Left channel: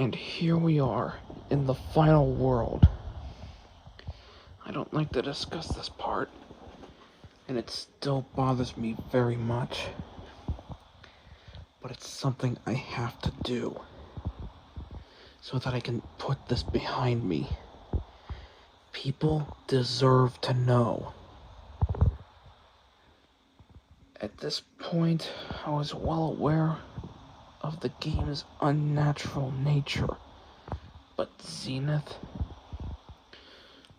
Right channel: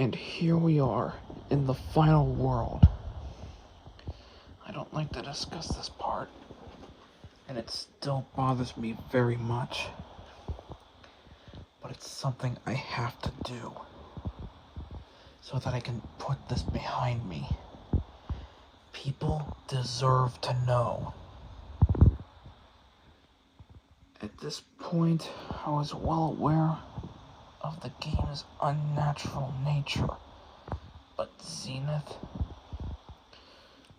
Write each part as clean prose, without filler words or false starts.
And here we are, in the final world. I don't like to discuss this part, and it still bothers me very much. But it's something I have to do, so that I can put this behind me. People deserve to know. At this point, I was well aware of the game's unnatural nature, but Zenith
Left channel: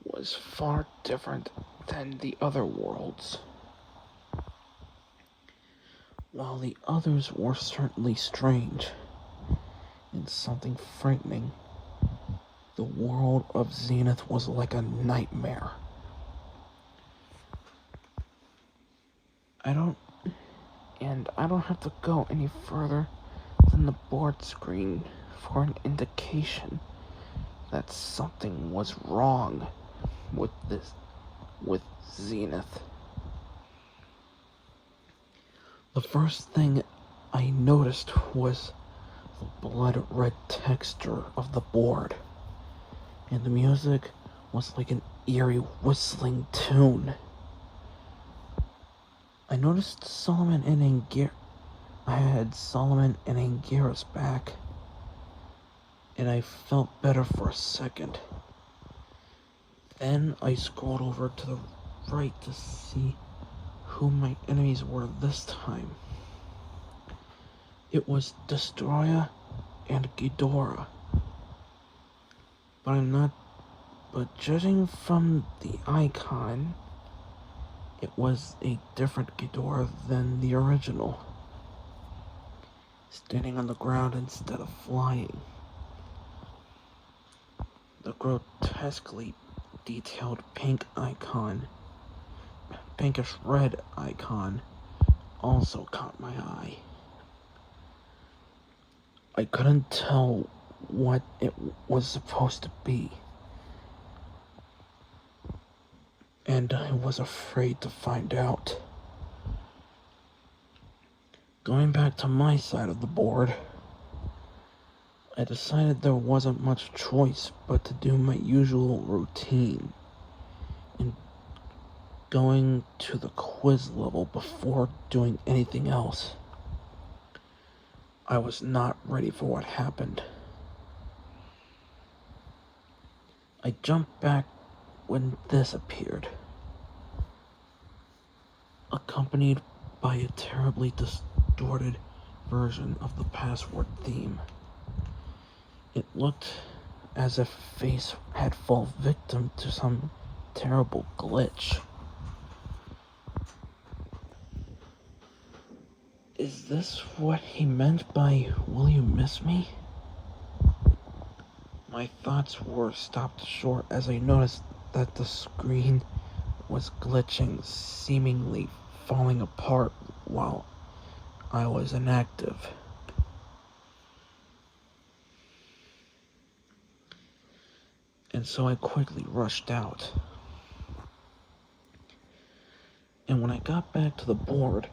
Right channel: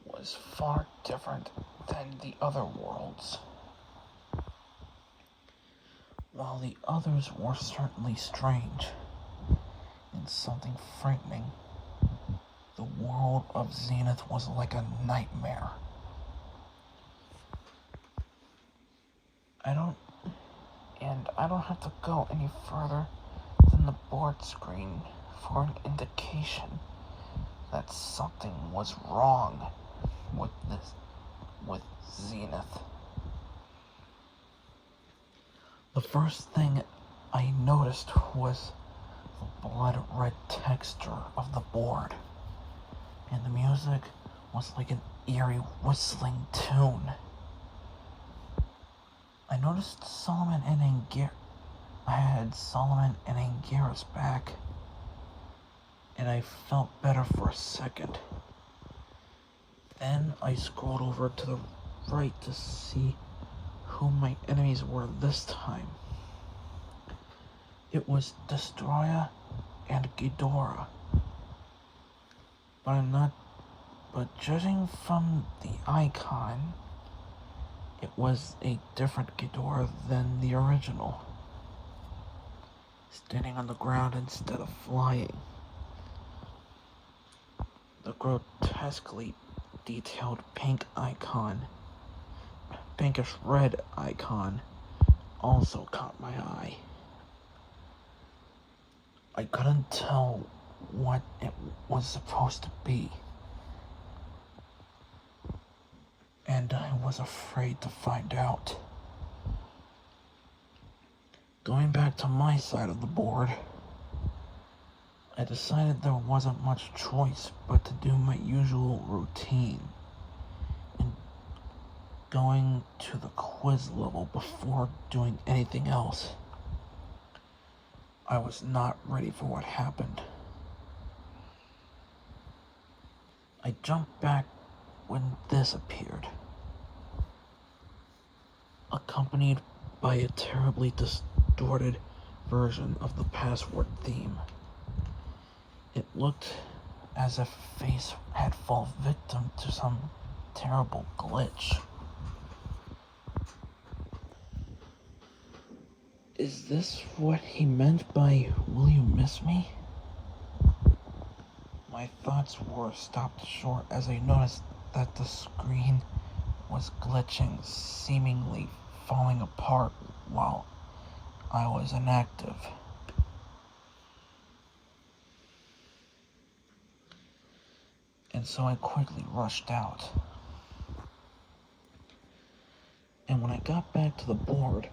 was far different than the other worlds. While the others were certainly strange and something frightening, the world of Zenith was like a nightmare. I don't have to go any further than the board screen for an indication that something was wrong with Zenith. The first thing I noticed was the blood red texture of the board, and the music was like an eerie whistling tune. I noticed Solomon and Angira's back, and I felt better for a second. Then I scrolled over to the right to see who my enemies were this time. It was Destroyer and Ghidorah. But judging from the icon, it was a different Ghidorah than the original, standing on the ground instead of flying. The grotesquely detailed pinkish red icon, also caught my eye. I couldn't tell what it was supposed to be, and I was afraid to find out. Going back to my side of the board, I decided there wasn't much choice but to do my usual routine and going to the quiz level before doing anything else. I was not ready for what happened. I jumped back when this appeared, accompanied by a terribly distorted version of the password theme. It looked as if Face had fallen victim to some terrible glitch. Is this what he meant by "will you miss me"? My thoughts were stopped short as I noticed that the screen was glitching, seemingly falling apart while I was inactive. And so I quickly rushed out. And when I got back to the board,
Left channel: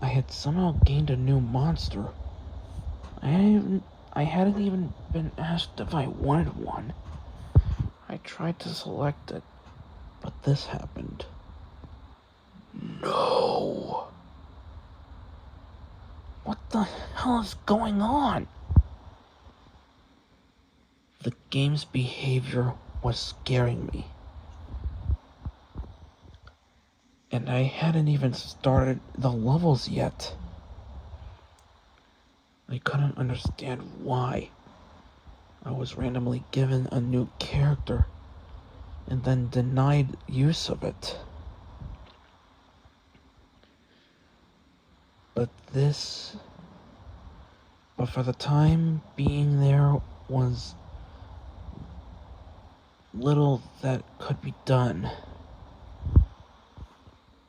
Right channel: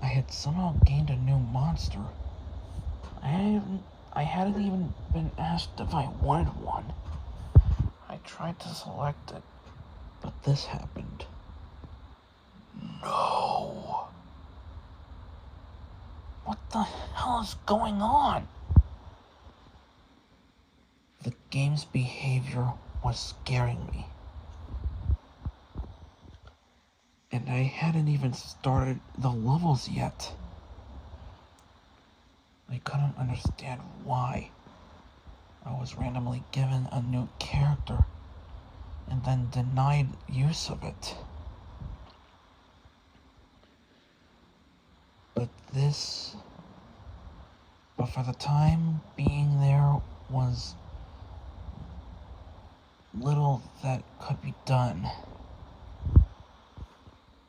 I had somehow gained a new monster. I hadn't even been asked if I wanted one. I tried to select it, but this happened. No! What the hell is going on? The game's behavior was scaring me. And I hadn't even started the levels yet. I couldn't understand why I was randomly given a new character and then denied use of it. But for the time being, there was little that could be done.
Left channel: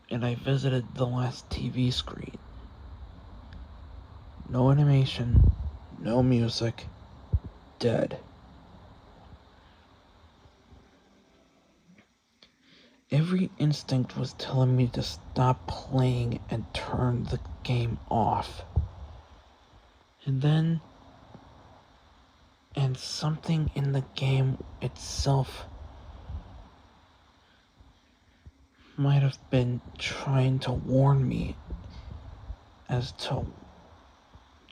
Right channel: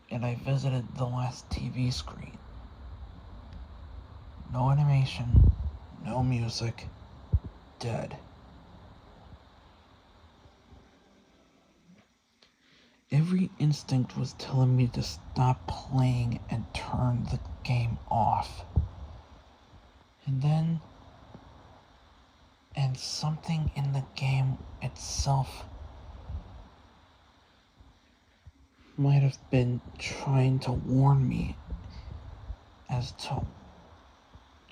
And I visited the last TV screen. No animation, no music, dead. Every instinct was telling me to stop playing and turn the game off. And And something in the game itself might have been trying to warn me as to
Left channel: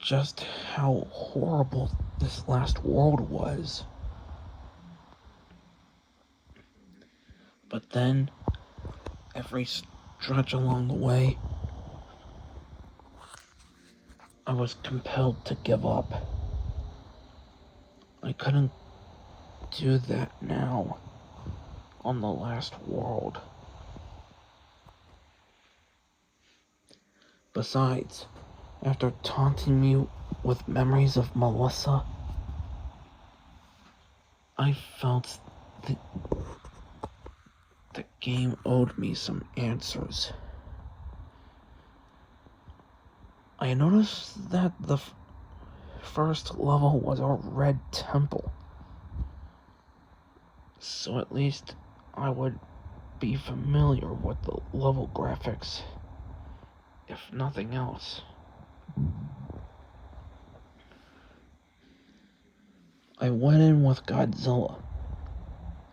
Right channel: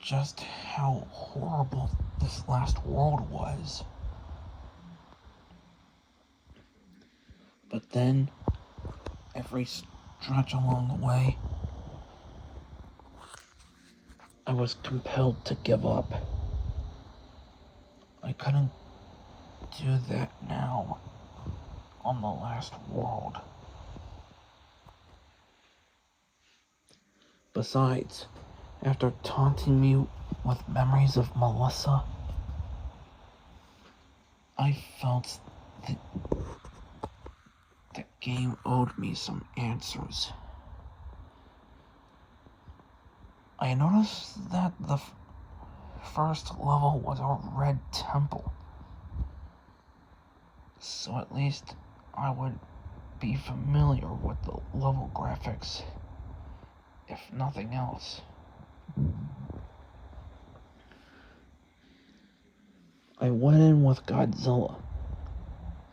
just how horrible this last world was. But then, every stretch along the way, I was compelled to give up. I couldn't do that now on the last world. Besides, after taunting me with memories of Melissa, I felt the game owed me some answers. I noticed that the first level was a red temple, so at least I would be familiar with the level graphics, if nothing else. I went in with Godzilla,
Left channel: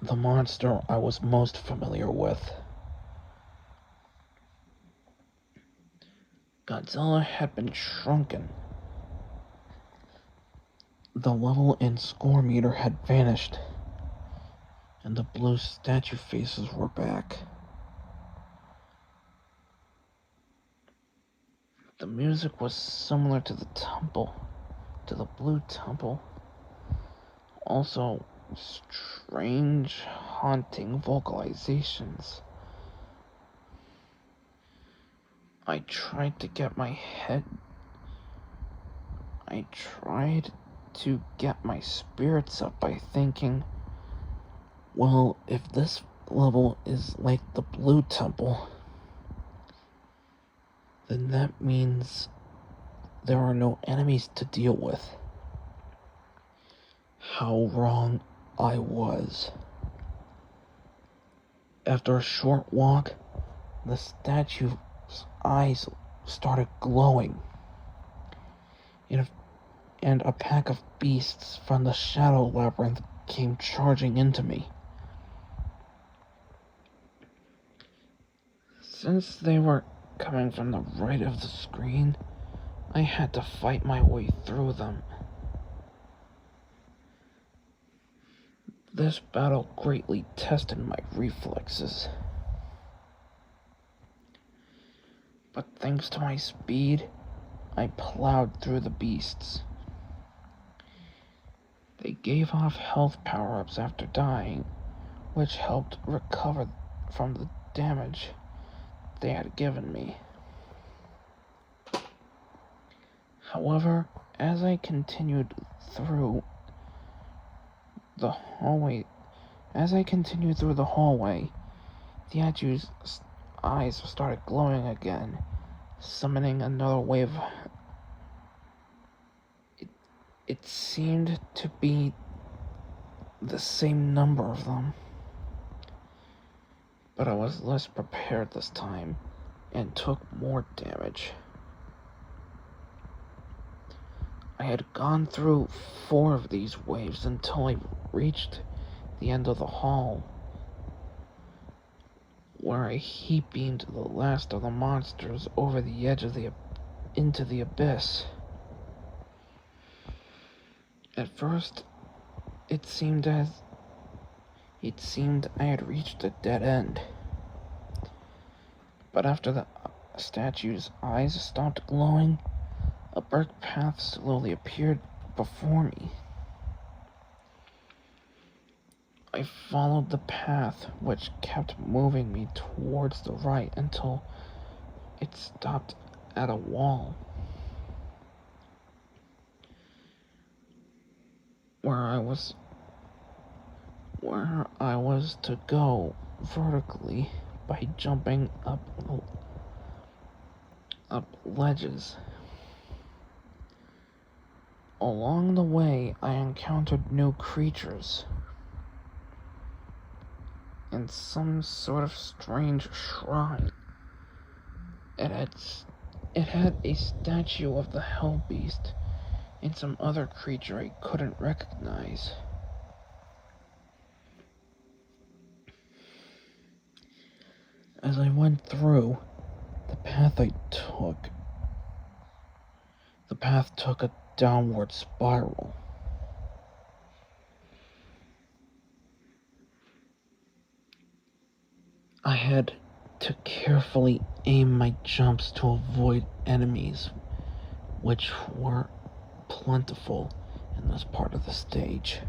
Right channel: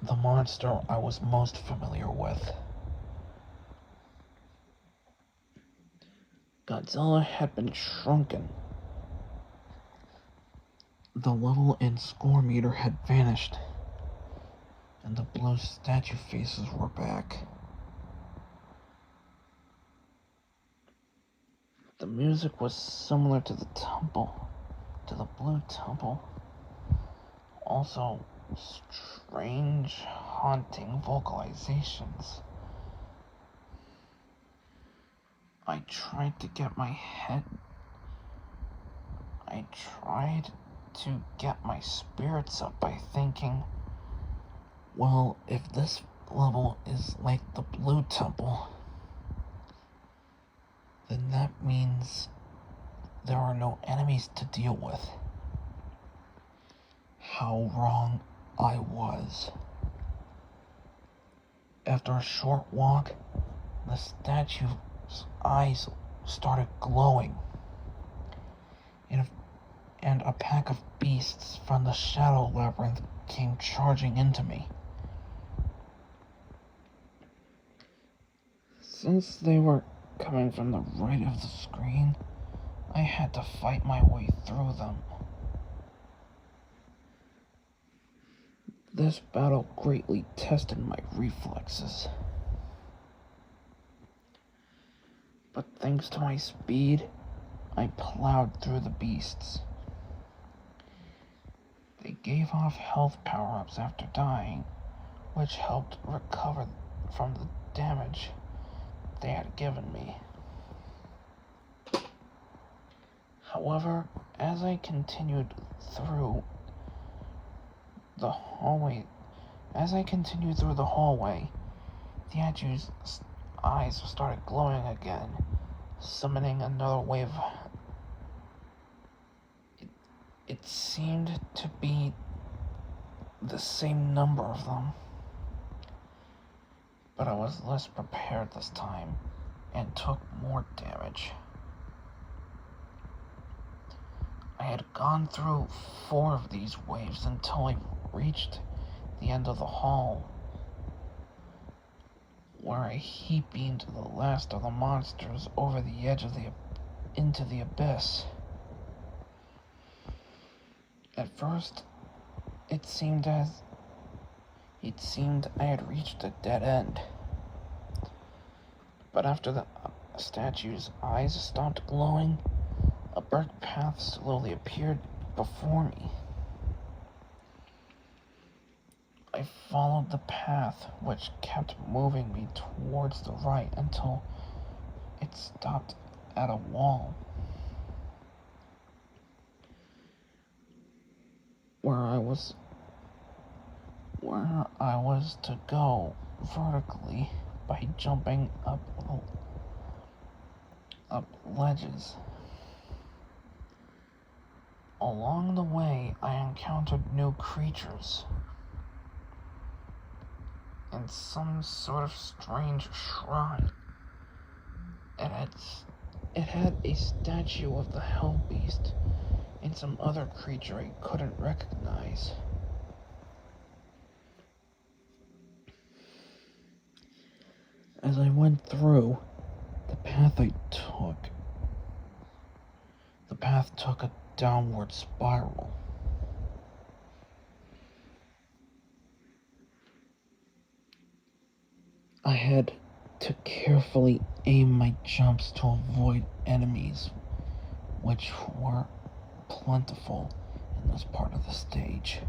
the monster I was most familiar with. Godzilla had been shrunken. The level and score meter had vanished, and the blue statue faces were back. The music was similar to the blue temple. Also, strange, haunting vocalizations. I tried to get my spirits up by thinking, well, if this level is like the blue temple, then that means there are no enemies to deal with. How wrong I was. After a short walk, the statue's eyes started glowing, and a pack of beasts from the Shadow Labyrinth came charging into me. Since they were coming from the right of the screen, I had to fight my way through them. This battle greatly tested my reflexes. But thanks to my speed, I plowed through the beasts. They gave off health power-ups after dying, which helped recover from the damage they had given me. However, as I continued through the hallway, the statue's eyes started glowing again, summoning another wave. It seemed to be the same number of them, but I was less prepared this time and took more damage. I had gone through 4 of these waves until I reached the end of the hall, where I heat-beamed the last of the monsters over the edge of into the abyss. At first, it seemed I had reached a dead end. But after the statue's eyes stopped glowing, a brick path slowly appeared before me. I followed the path, which kept moving me towards the right until it stopped at a wall, where I was to go vertically by jumping up ledges. Along the way, I encountered new creatures and some sort of strange shrine. It had a statue of the Hell Beast and some other creature I couldn't recognize. as I went through, the path took a downward spiral. I had to carefully aim my jumps to avoid enemies, which were plentiful in this part of the stage.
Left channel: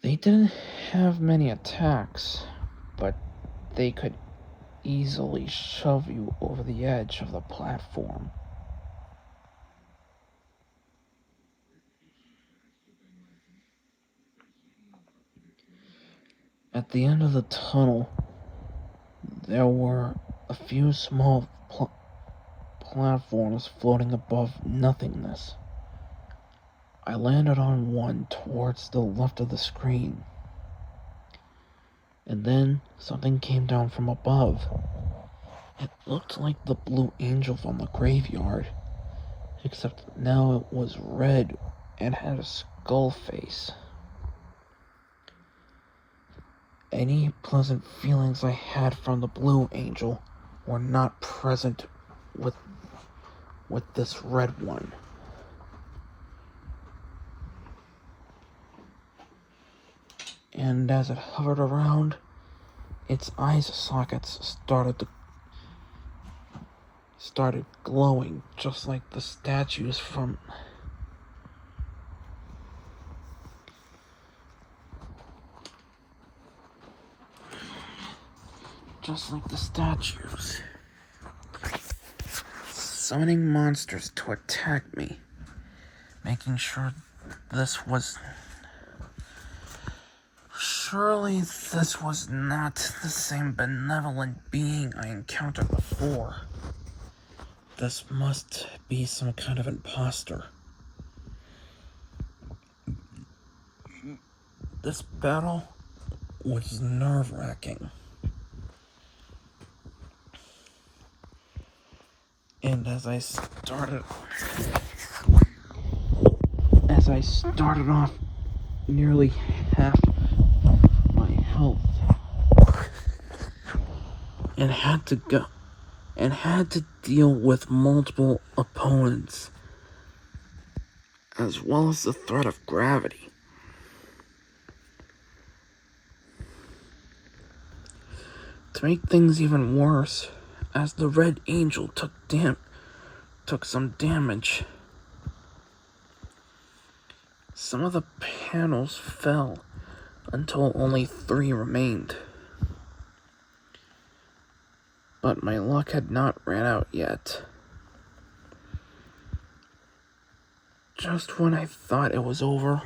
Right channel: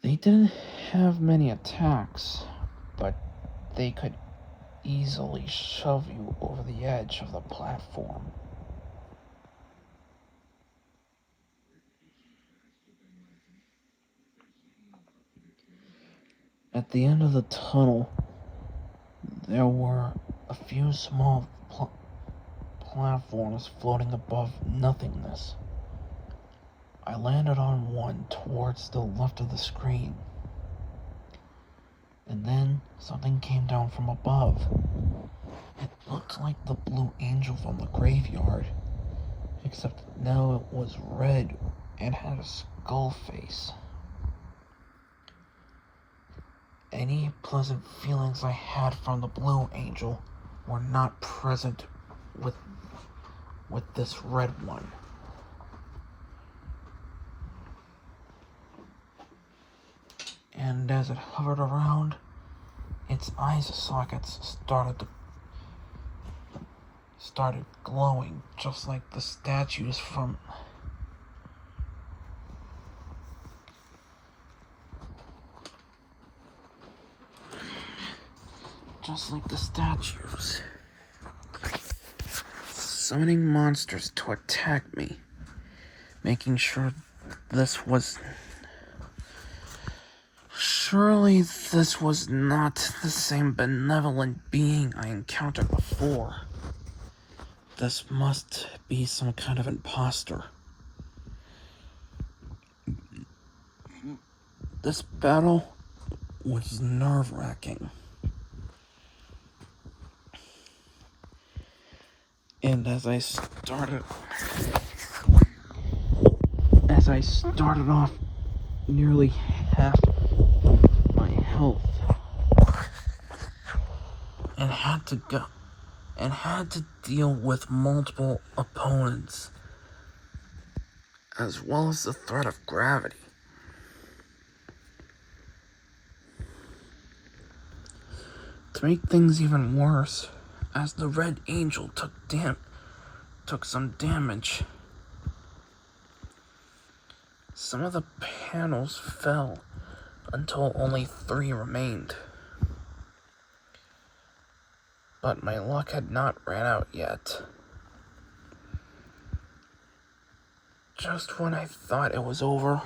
They didn't have many attacks, but they could easily shove you over the edge of the platform. At the end of the tunnel, there were a few small platforms floating above nothingness. I landed on one towards the left of the screen, and then something came down from above. It looked like the blue angel from the graveyard, except now it was red and had a skull face. Any pleasant feelings I had from the blue angel were not present with this red one. And as it hovered around, its eye sockets started glowing, just like the statues from summoning monsters to attack me, making sure surely this was not the same benevolent being I encountered before. This must be some kind of imposter. This battle was nerve-wracking. And as I started off nearly half my health and had to deal with multiple opponents, as well as the threat of gravity. To make things even worse, as the red angel took some damage, some of the panels fell until only 3 remained. But my luck had not ran out yet. Just when I thought it was over,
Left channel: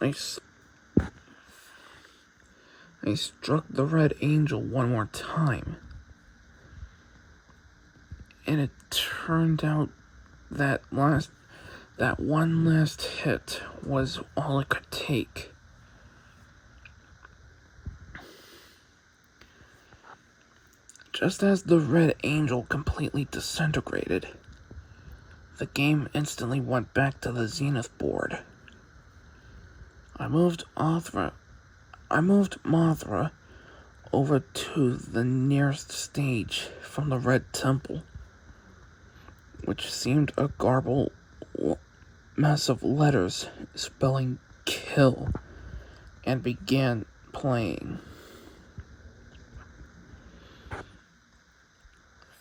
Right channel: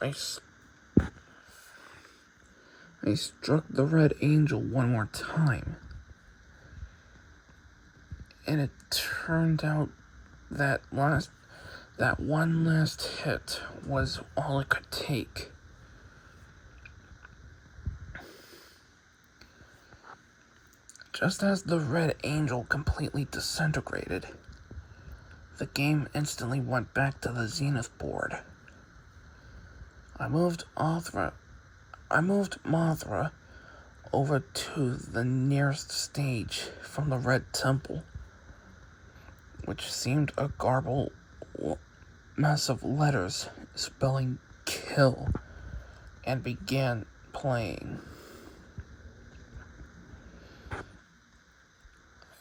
I struck the red angel one more time. And it turned out that one last hit was all it could take. Just as the red angel completely disintegrated, the game instantly went back to the zenith board. I moved Mothra over to the nearest stage from the red temple, which seemed a garbled mess of letters spelling kill, and began playing.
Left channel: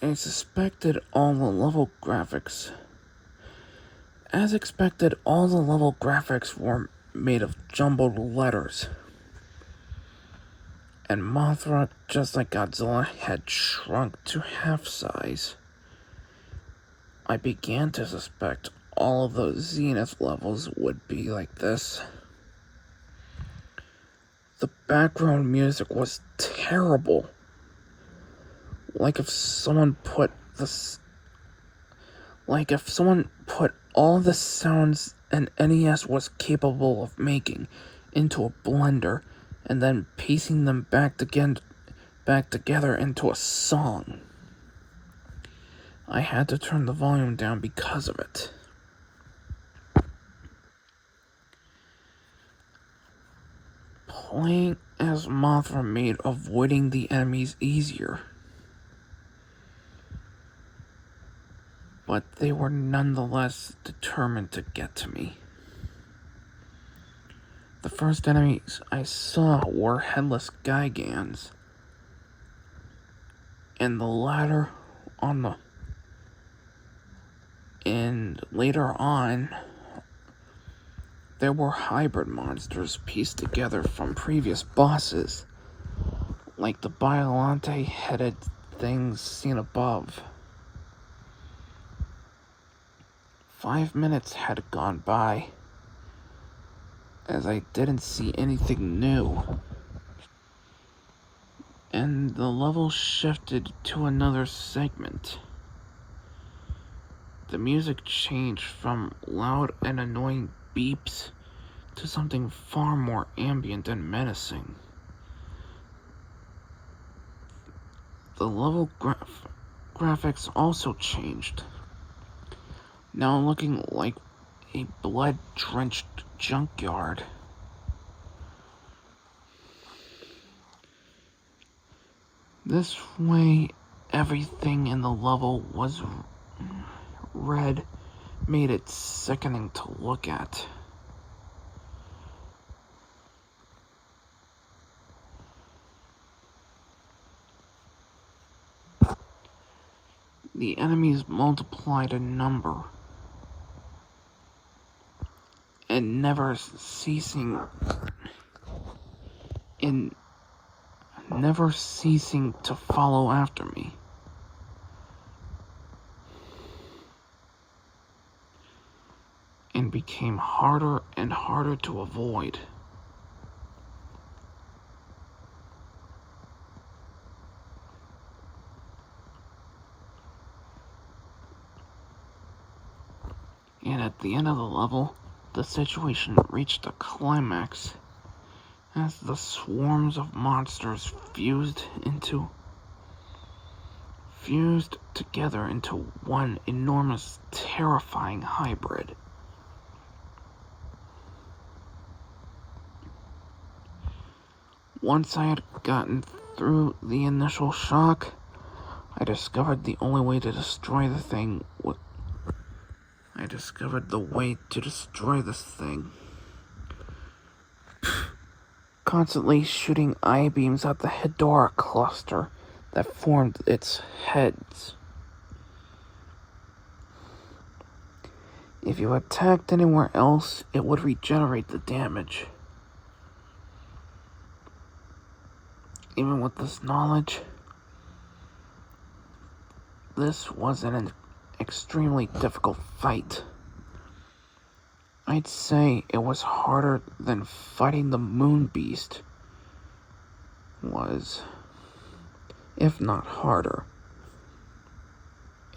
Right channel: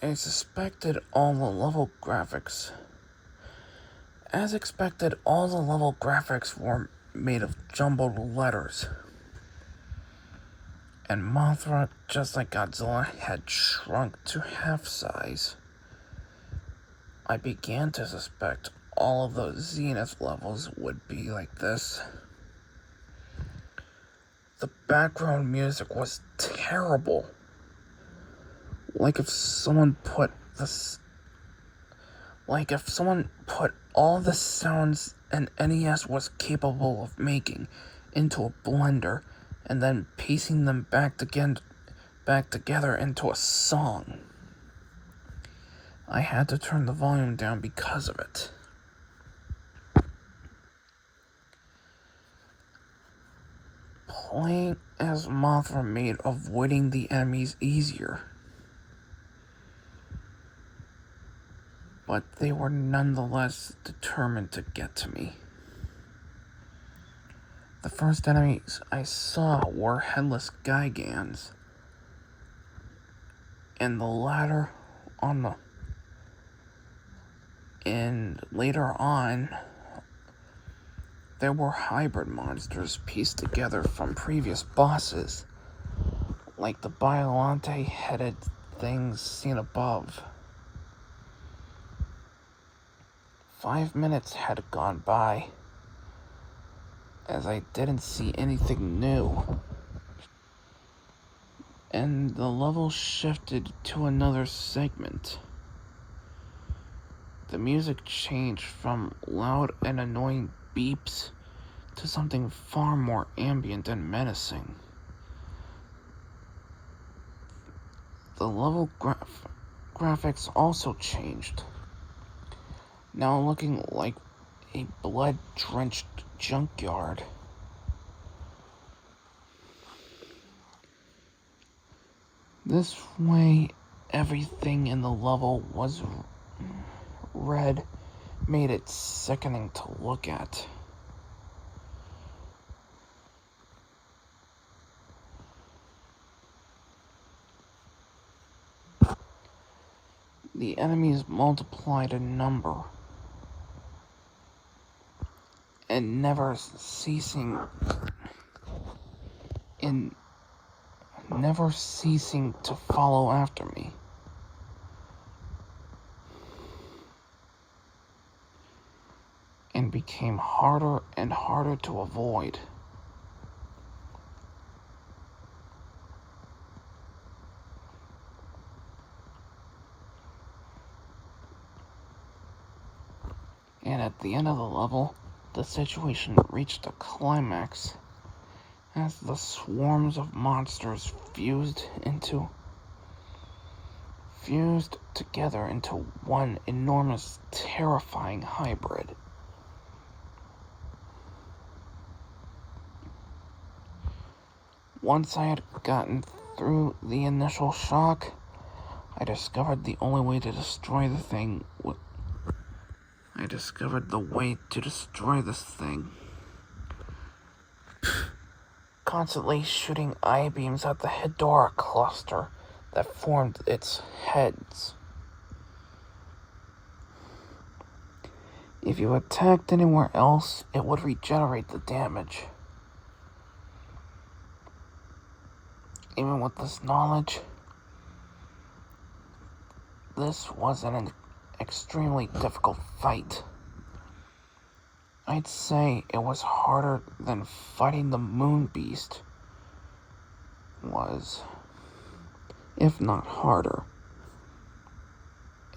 As expected, all the level graphics were made of jumbled letters. And Mothra, just like Godzilla, had shrunk to half size. I began to suspect all of the zenith levels would be like this. The background music was terrible. Like if someone put all the sounds an NES was capable of making into a blender and then piecing them back together into a song. I had to turn the volume down because of it. Playing as Mothra made avoiding the enemies easier, but they were nonetheless determined to get to me. The first enemies I saw were headless Gigans, and the latter and later on, there were hybrid monsters pieced together from previous bosses, like the Biolante-headed things seen above. 5 minutes had gone by, as I didn't see anything new, and the level shifted to another segment. The music changed from loud and annoying beeps to something far more ambient and menacing. The level graphics also changed, now looking like a blood-drenched junkyard. This way, everything in the level was red, made it sickening to look at. The enemies multiplied in number, and never ceasing to follow after me. And became harder and harder to avoid. And at the end of the level, the situation reached a climax as the swarms of monsters fused together into one enormous, terrifying hybrid. Once I had gotten through the initial shock, I discovered the only way to destroy the thing this thing. Constantly shooting eye beams at the Hedora cluster that formed its heads. If you attacked anywhere else, it would regenerate the damage. Even with this knowledge, this was an extremely difficult fight. I'd say it was harder than fighting the Moon Beast was, if not harder.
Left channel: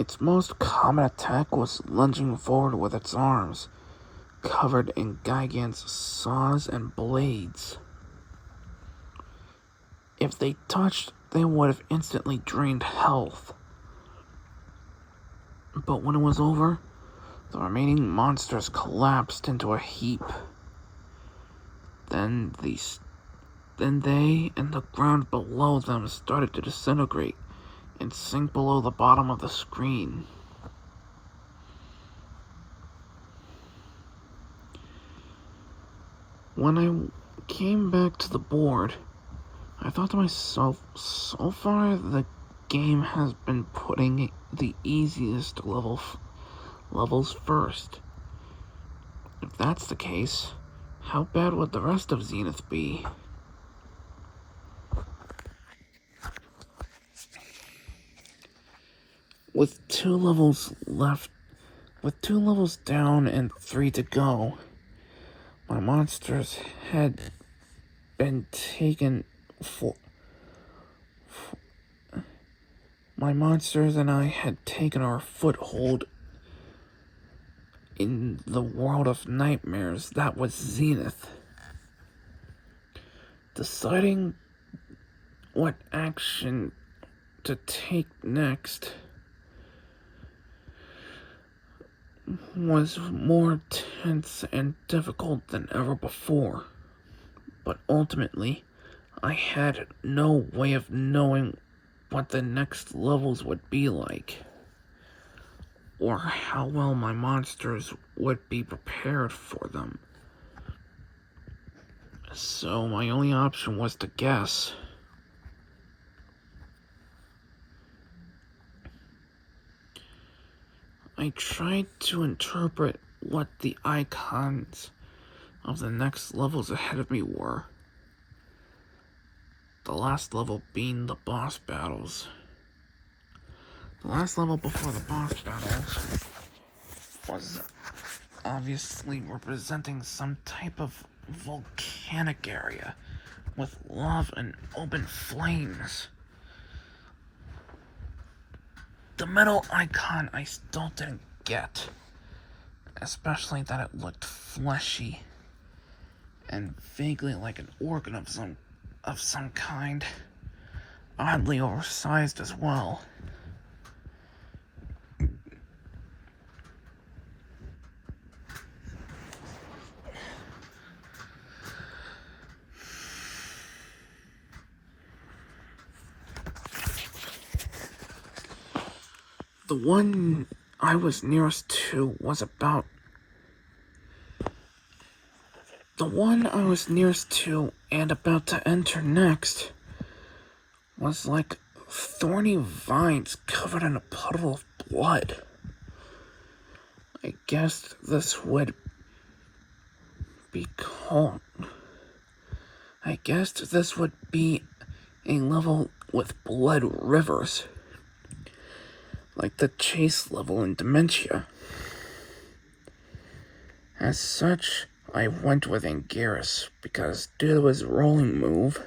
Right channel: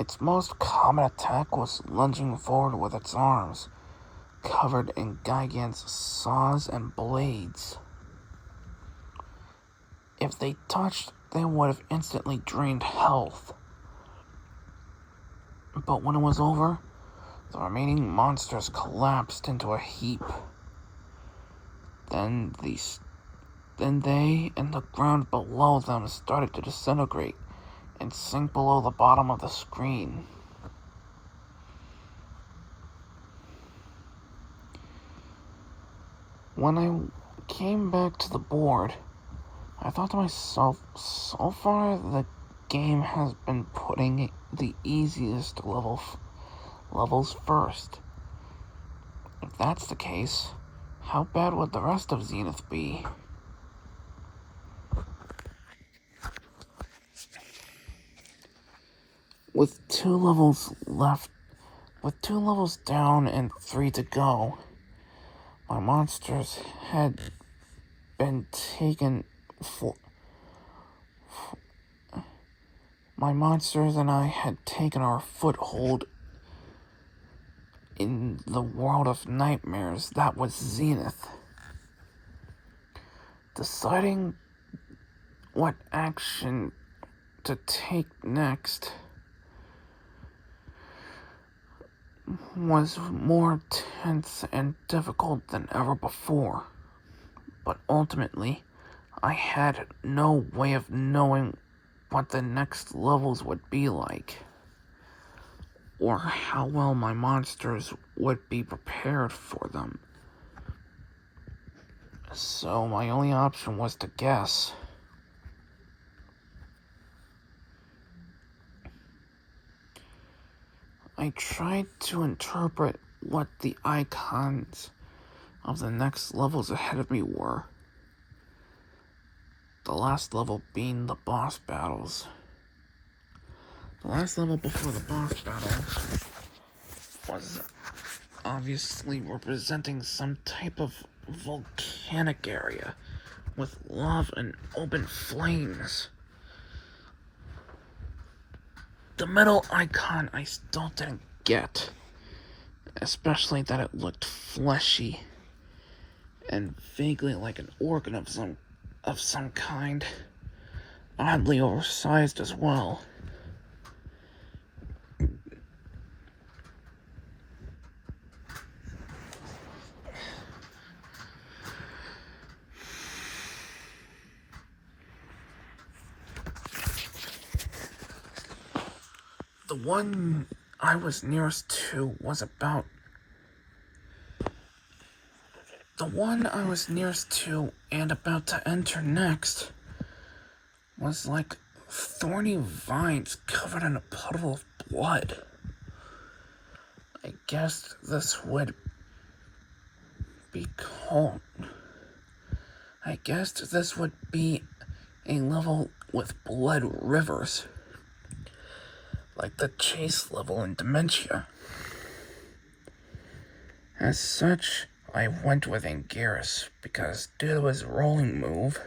Its most common attack was lunging forward with its arms, covered in Gigant's saws and blades. If they touched, they would have instantly drained health. But when it was over, the remaining monsters collapsed into a heap. Then they and the ground below them started to disintegrate and sink below the bottom of the screen. When I came back to the board, I thought to myself, so far the game has been putting the easiest levels first. If that's the case, how bad would the rest of Zenith be? With 2 levels down and 3 to go, my monsters had been taken My monsters and I had taken our foothold in the world of nightmares that was Zenith. Deciding what action to take next was more tense and difficult than ever before. But ultimately, I had no way of knowing what the next levels would be like, or how well my monsters would be prepared for them. So my only option was to guess. I tried to interpret what the icons of the next levels ahead of me were. The last level being the boss battles. The last level before the boss battle was obviously representing some type of volcanic area with lava and open flames. The middle icon I still didn't get, especially that it looked fleshy and vaguely like an organ of some kind, oddly oversized as well. The one I was nearest to was about... The one I was nearest to and about to enter next was like thorny vines covered in a puddle of blood. I guessed this would be called... I guessed this would be a level with blood rivers, like the chase level in Dementia. As such, I went with Anguirus because due to his rolling move,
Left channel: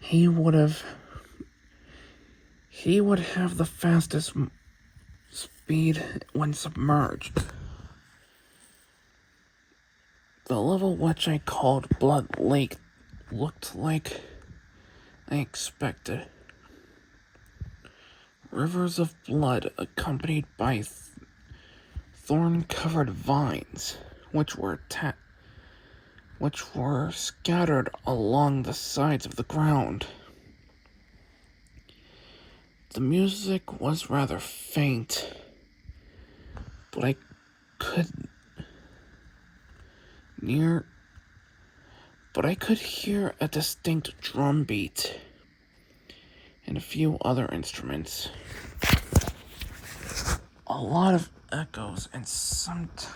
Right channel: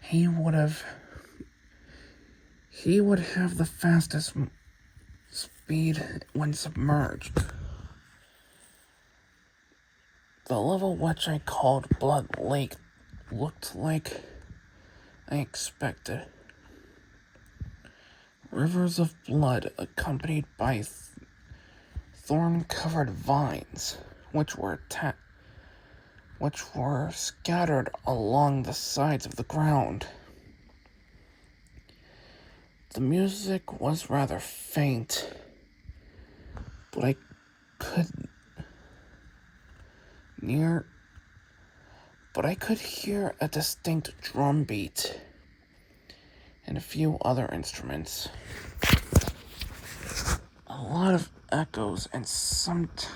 he would have the fastest speed when submerged. The level which I called Blood Lake looked like I expected. Rivers of blood accompanied by thorn-covered vines, which were scattered along the sides of the ground. The music was rather faint, but I could hear a distinct drum beat and a few other instruments. A lot of echoes and sometimes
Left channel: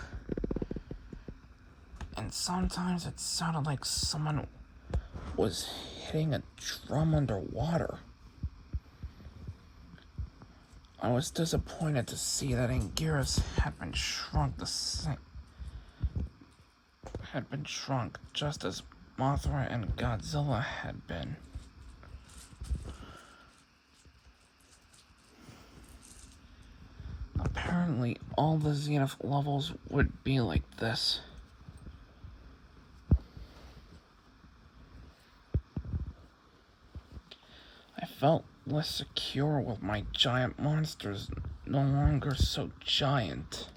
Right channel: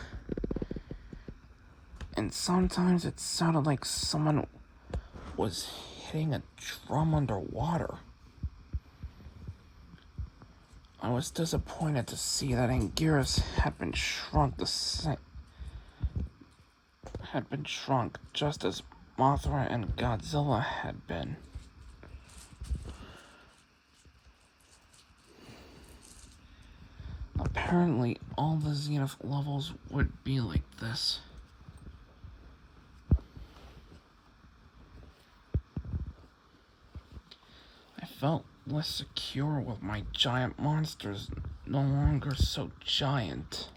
it sounded like someone was hitting a drum underwater. I was disappointed to see that Anguirus had been shrunk just as Mothra and Godzilla had been. Apparently, all the Zenith levels would be like this. I felt less secure with my giant monsters no longer so giant.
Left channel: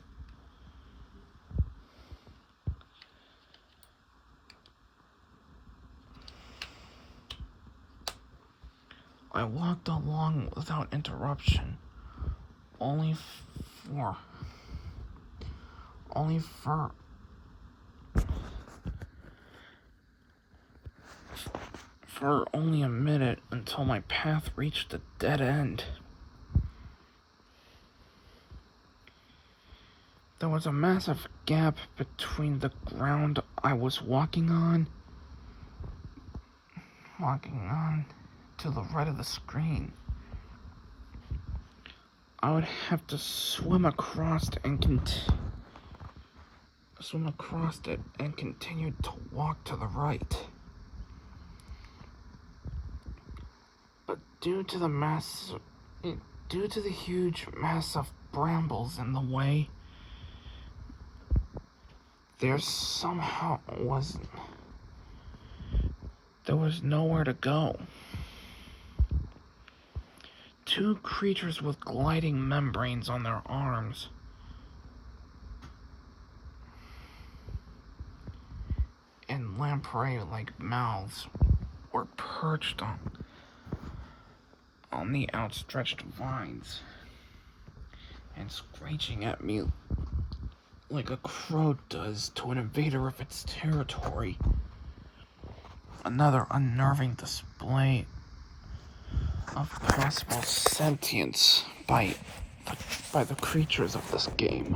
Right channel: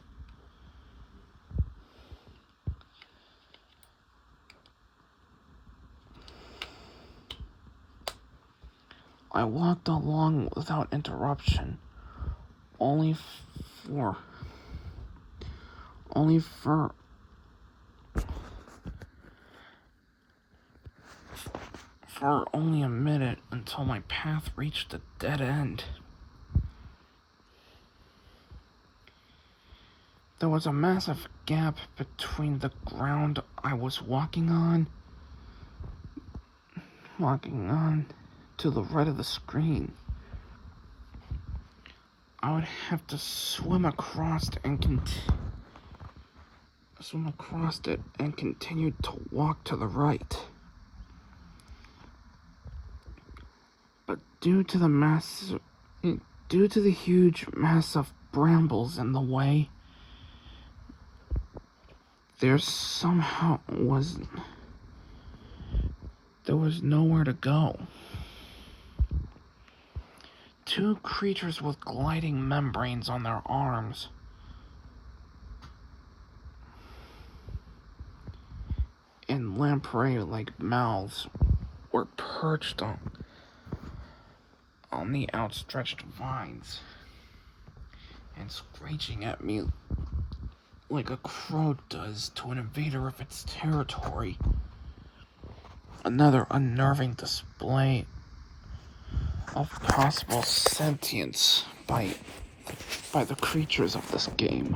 I walked along without interruption, only for only a minute until my path reached a dead end. There was a massive gap between the ground I was walking on to the right of the screen. I would have to swim across it and continue to walk to the right. But due to the huge mass of brambles in the way, there was nowhere to go. Two creatures with gliding membranes on their arms and lamprey-like mouths were perched on the outstretched vines and screeching at me like a crow does to an invader of its territory. Another unnerving display of possible sentience by the creatures of this game.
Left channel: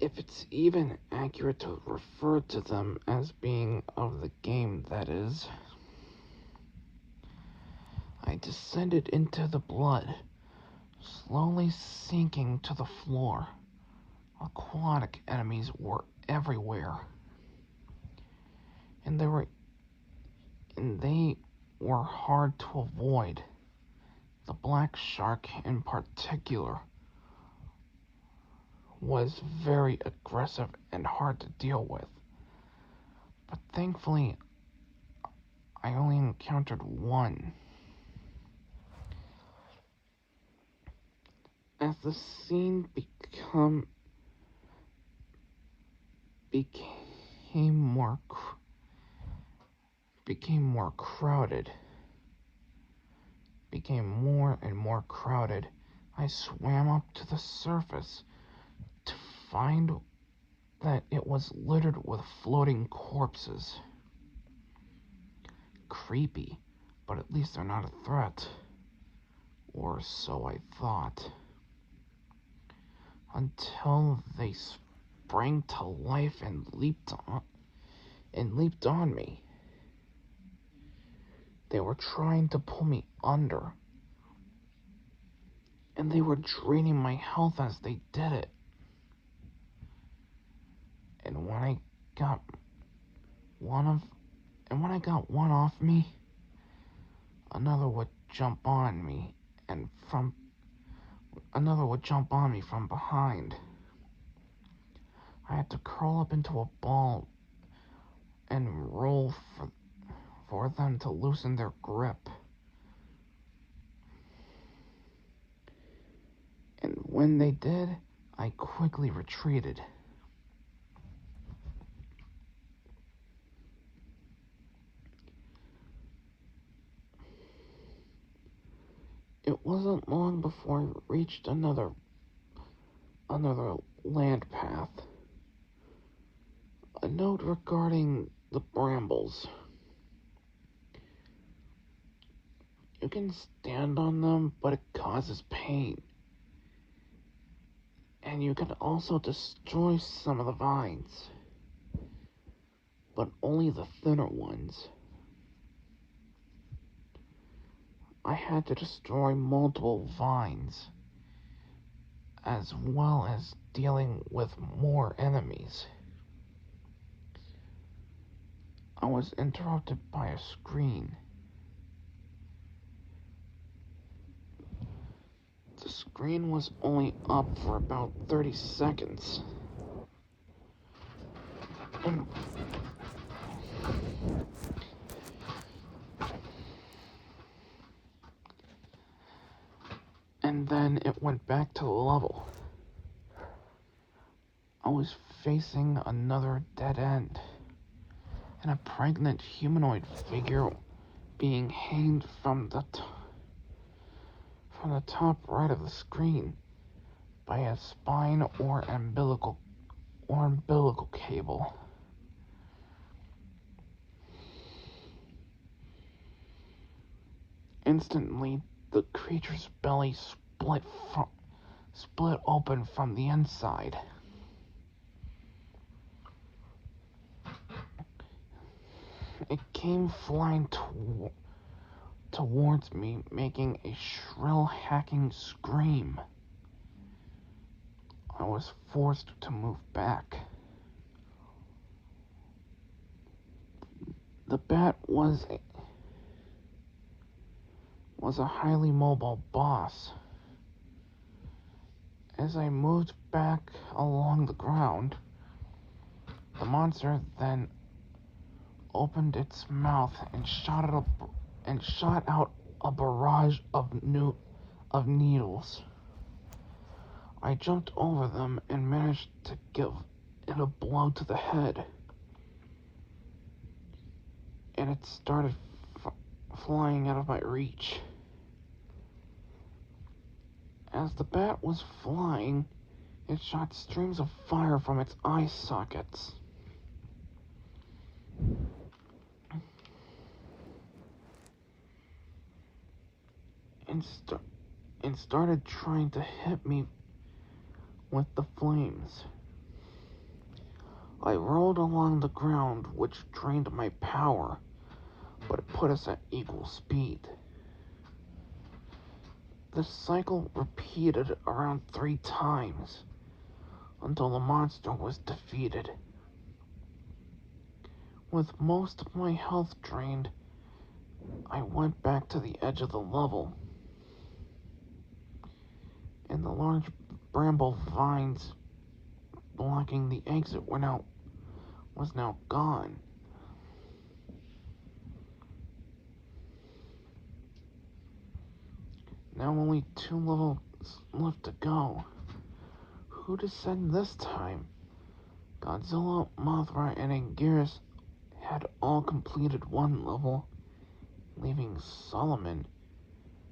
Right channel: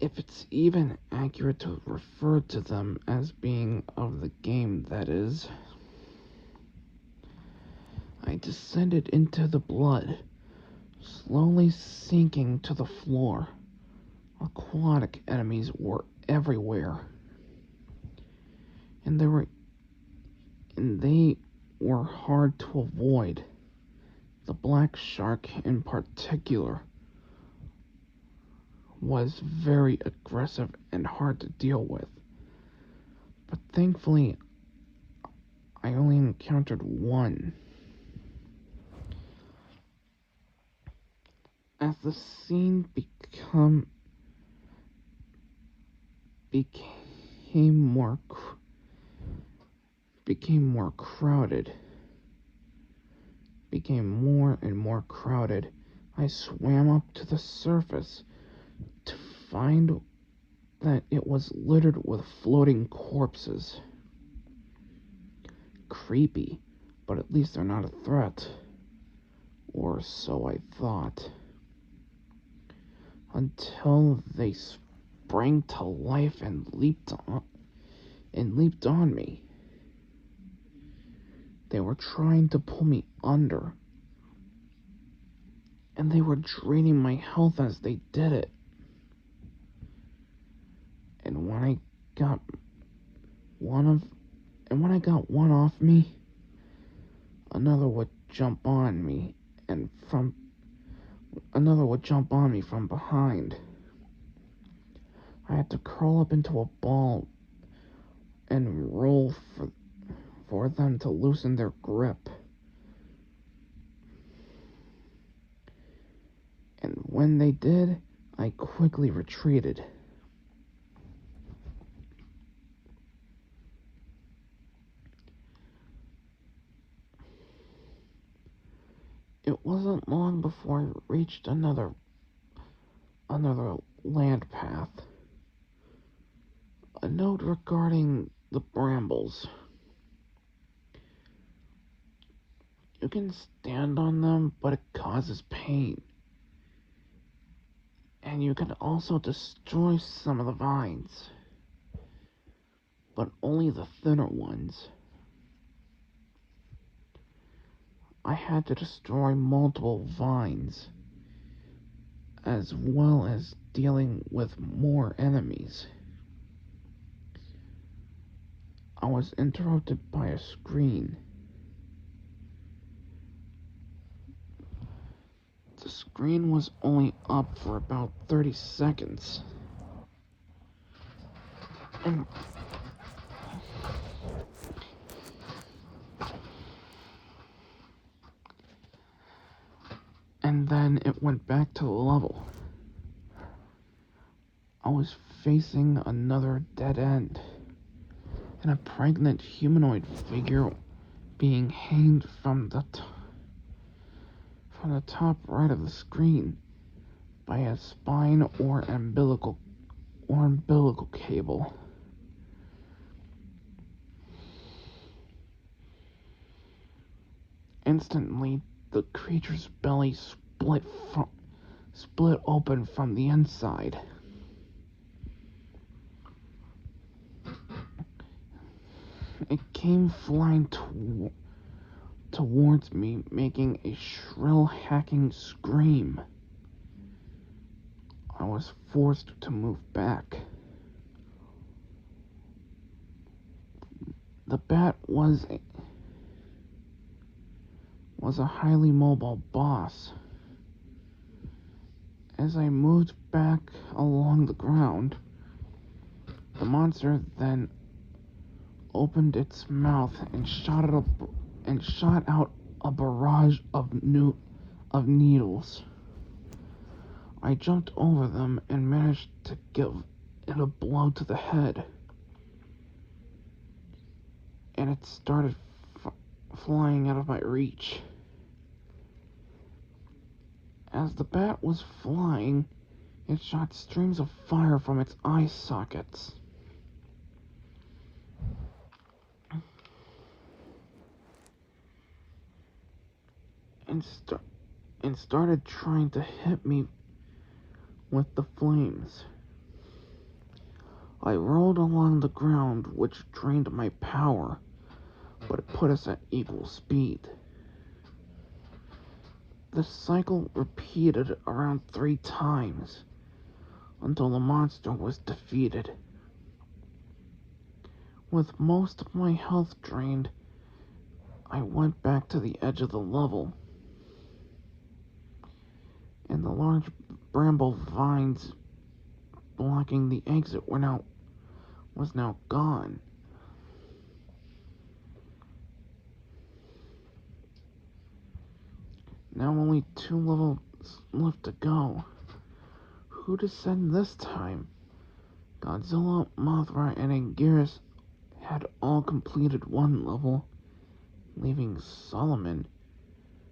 If it's even accurate to refer to them as being of the game, that is. I descended into the blood, slowly sinking to the floor. Aquatic enemies were everywhere, and they were hard to avoid. The black shark in particular was very aggressive and hard to deal with. But thankfully, I only encountered one. As the scene became more and more crowded, I swam up to the surface to find that it was littered with floating corpses. Creepy, but at least they're not a threat. Or so I thought. Until they sprang to life and leaped on me. They were trying to pull me under, and they were draining my health as they did it. And when I got one off me, another would jump on me from behind. I had to curl up into a ball and roll for them to loosen their grip. And when they did, I quickly retreated. It wasn't long before I reached another land path. A note regarding the brambles. You can stand on them, but it causes pain. And you can also destroy some of the vines, but only the thinner ones. I had to destroy multiple vines, as well as dealing with more enemies. I was interrupted by a screen. The screen was only up for about 30 seconds. And then it went back to level. I was facing another dead end, and a pregnant humanoid figure being hanged from the top right of the screen by a spine or umbilical cable. Instantly, the creature's belly split open from the inside. It came flying towards me, making a shrill hacking scream. I was forced to move back. The bat was a highly mobile boss. As I moved back along the ground, the monster then opened its mouth and shot out a barrage of needles. I jumped over them and managed to give it a blow to the head, and it started flying out of my reach. As the bat was flying, it shot strings of fire from its eye sockets. And started trying to hit me with the flames. I rolled along the ground, which drained my power, but it put us at equal speed. This cycle repeated around 3 times until the monster was defeated. With most of my health drained, I went back to the edge of the level, and the large bramble vines blocking the exit was now gone. Now only 2 levels left to go. Who to send this time? Godzilla, Mothra, and Anguirus had all completed 1 level, leaving Solomon,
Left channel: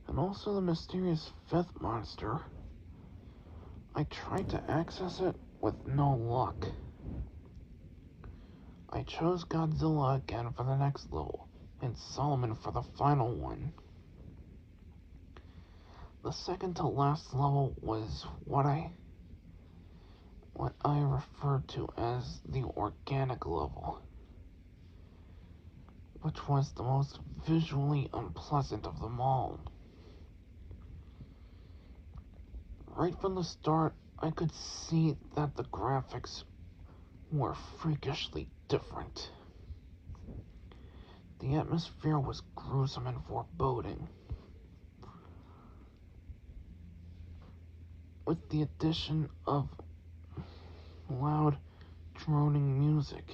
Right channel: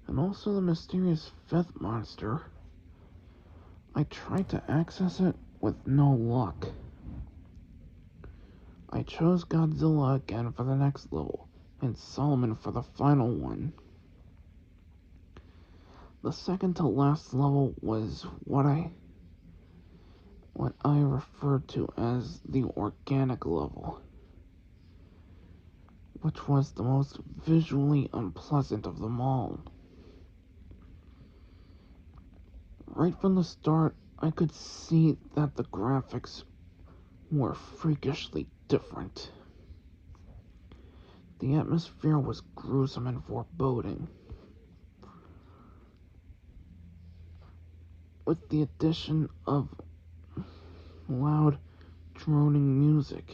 and also the mysterious 5th monster. I tried to access it with no luck. I chose Godzilla again for the next level, and Solomon for the final one. The second to last level was what I referred to as the organic level, which was the most visually unpleasant of them all. Right from the start, I could see that the graphics were freakishly different. The atmosphere was gruesome and foreboding, with the addition of loud, droning music.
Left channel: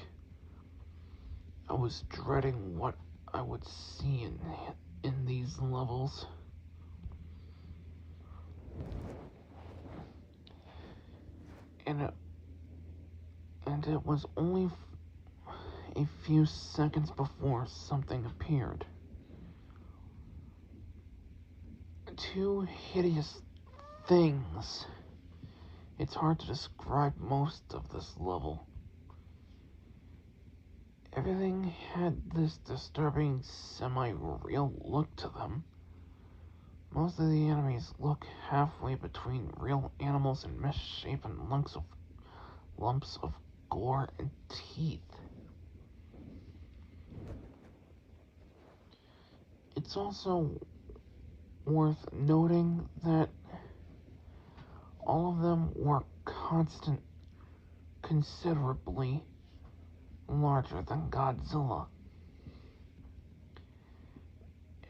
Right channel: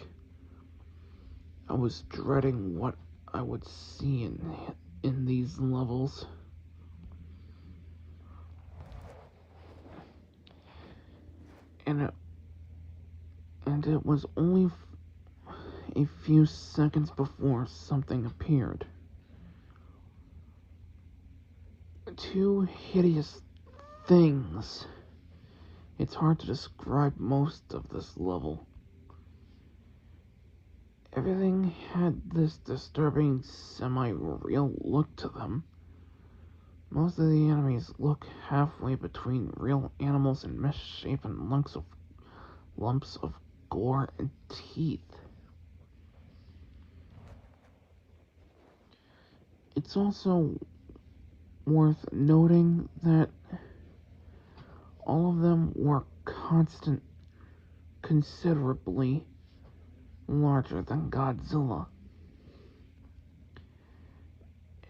I was dreading what I would see in these levels. And it was only a few seconds before something appeared. 2 hideous things. It's hard to describe most of this level. Everything had this disturbing, semi-real look to them. Most of the enemies look halfway between real animals and misshapen lumps of gore and teeth. It's also worth noting that all of them were considerably larger than Godzilla.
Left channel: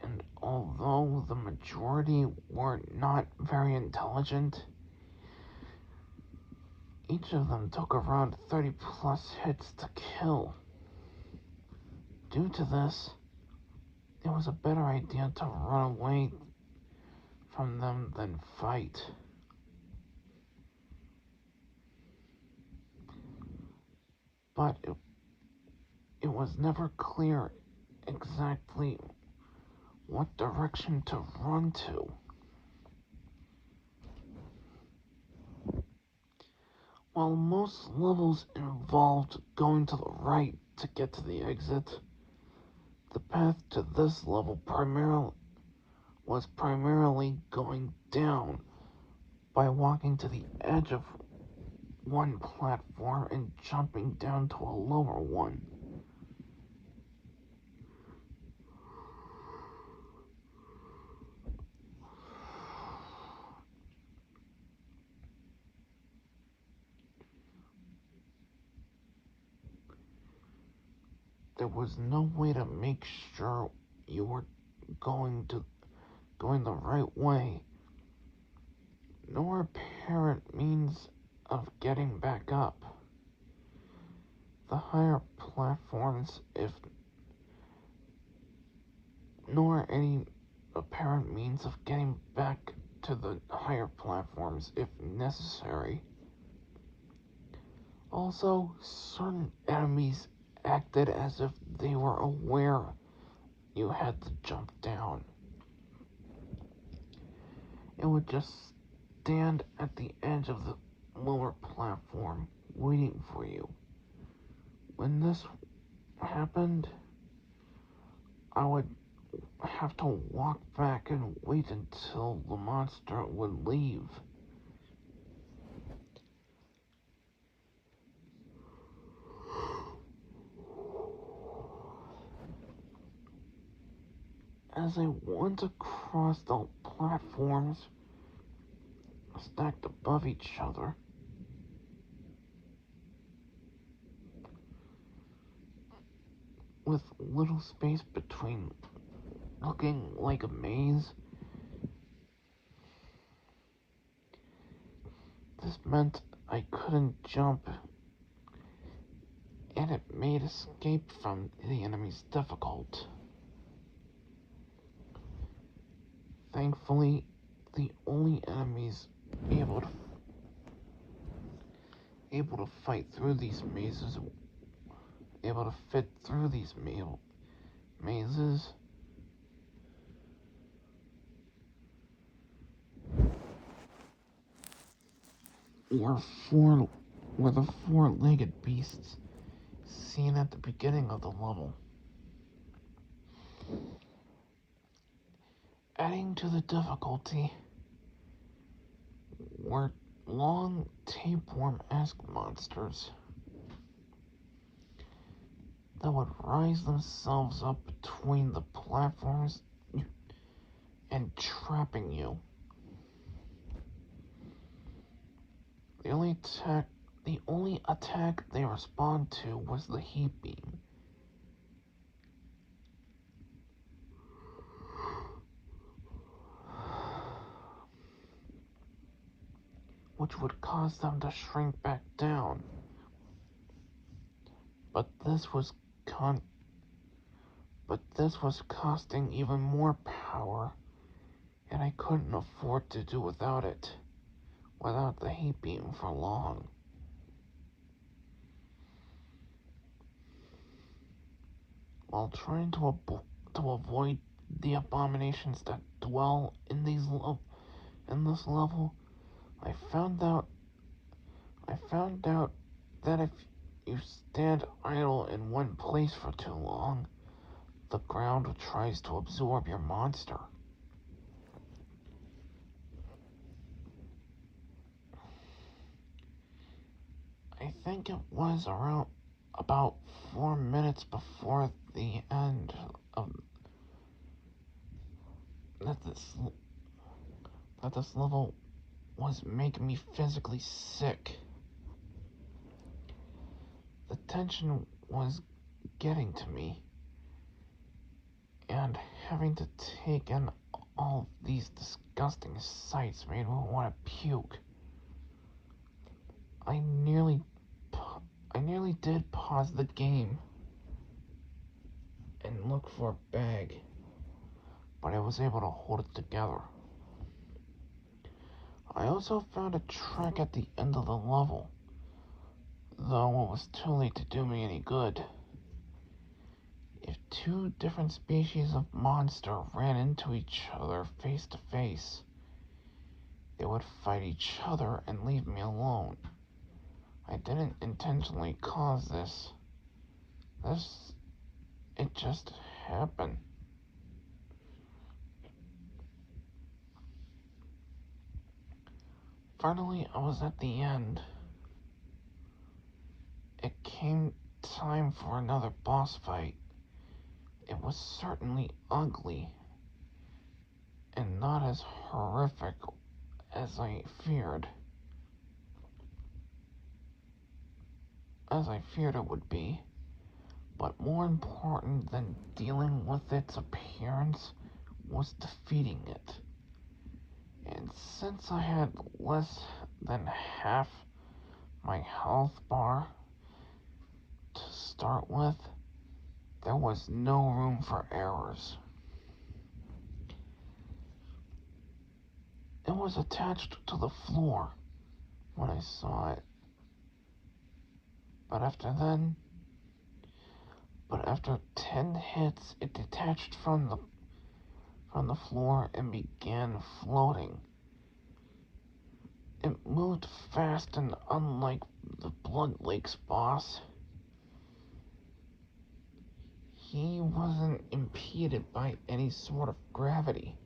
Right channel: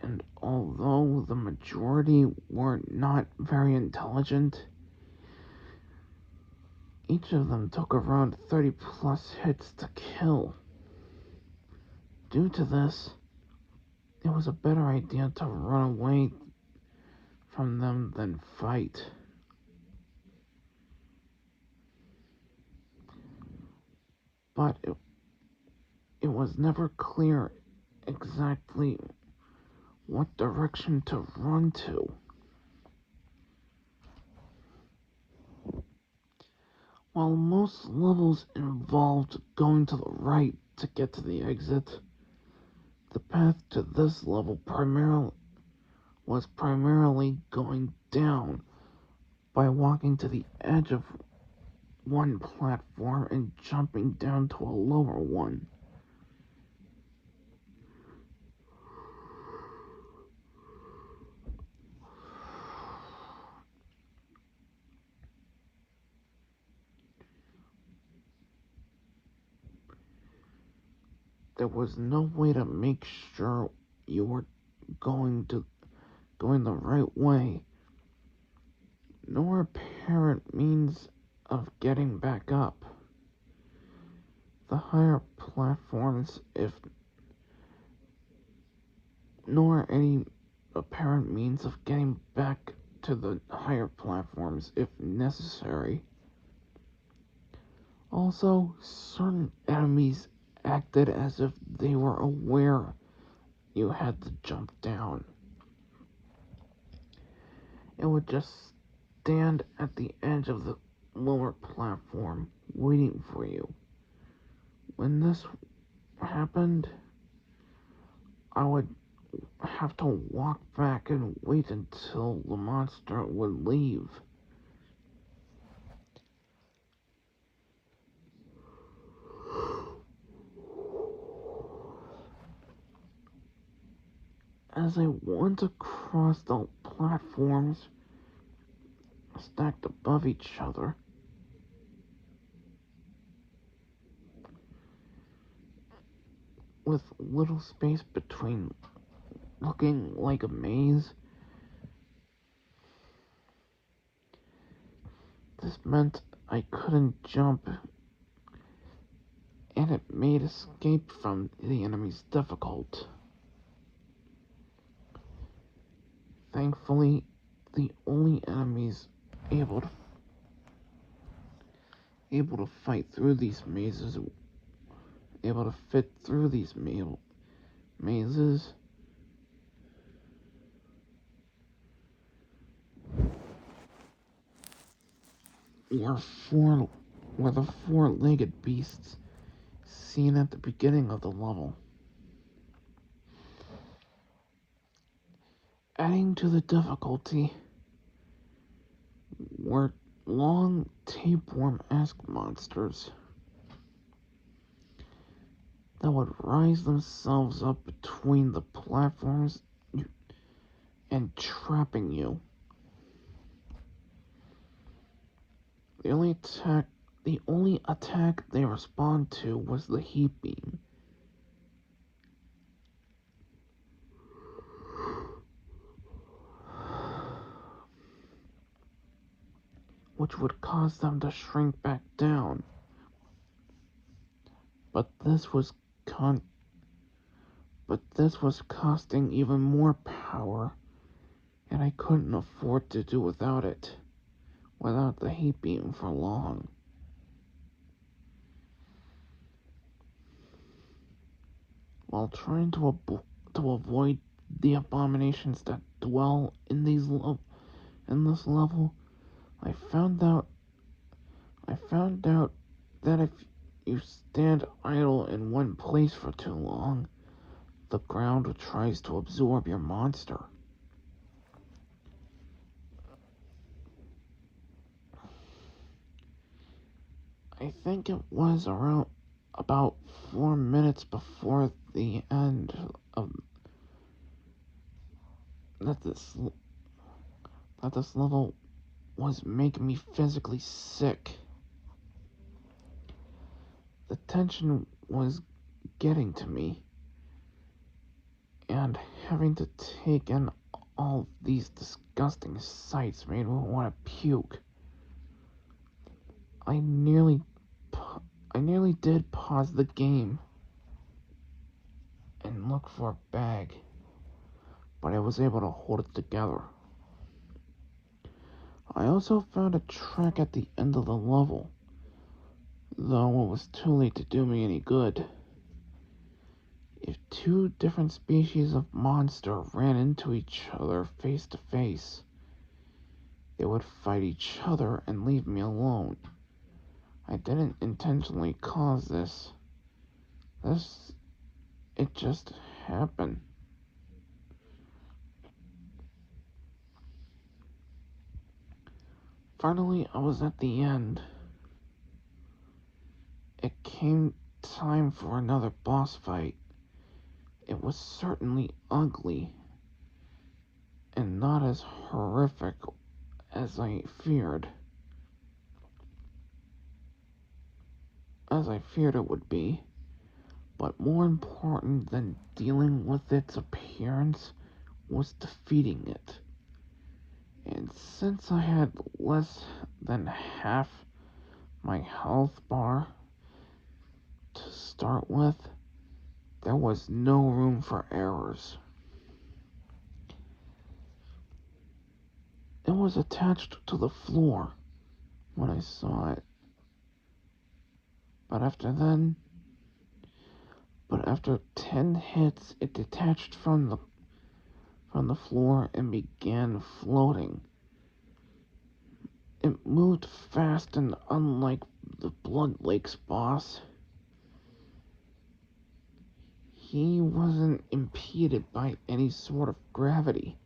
And although the majority were not very intelligent, each of them took around 30 plus hits to kill. Due to this, it was a better idea to run away from them than fight. But it was never clear exactly what direction to run to. While most levels involved going to the right to get to the exit, the path to this level was primarily going down by walking to the edge of one platform and jumping down to a lower one. There was no way to make sure you were going the right way, nor apparent means of getting back up. The higher platforms, nor any apparent means of getting back to the higher platforms if necessary. Also, certain enemies acted as if they were aware you had to jump down. It would just stand at the edge of the lower platform, waiting for you. When this happened, I would have to walk back and wait until the monster would leave. As I went across the platforms stacked above each other, with little space between, looking like a maze, this meant I couldn't jump, and it made escape from the enemies difficult. Thankfully, the only enemies able to fight through these mazes, able to fit through these mazes, were the four-legged beasts seen at the beginning of the level. Adding to the difficulty were long tapeworm-esque monsters that would rise themselves up between the platforms and trapping you. The only attack they respond to was the heat beam. Which would cause them to shrink back down. But this was costing even more power, and I couldn't afford to do without the heat beam for long. While trying to avoid the abominations that dwell in this level, I found out that if you stand idle in one place for too long, the ground tries to absorb your monster. I think it was around about 4 minutes before the end of that this level was making me physically sick. The tension was getting to me, and having to take in all these disgusting sights made me want to puke. I nearly did pause the game and look for a bag, but I was able to hold it together. I also found a track at the end of the level, though it was too late to do me any good. If two different species of monster ran into each other face to face, they would fight each other and leave me alone. I didn't intentionally cause this. It just happened. Finally, I was at the end. It came time for another boss fight. It was certainly ugly, and not as horrific as I feared it would be. But more important than dealing with its appearance was defeating it. And since I had less than half my health bar to start with, there was no room for errors. was attached to the floor when I saw it. But after 10 hits, it detached from the floor and began floating. It moved fast, and unlike the Blood Lake's boss, he wasn't impeded by any sort of gravity.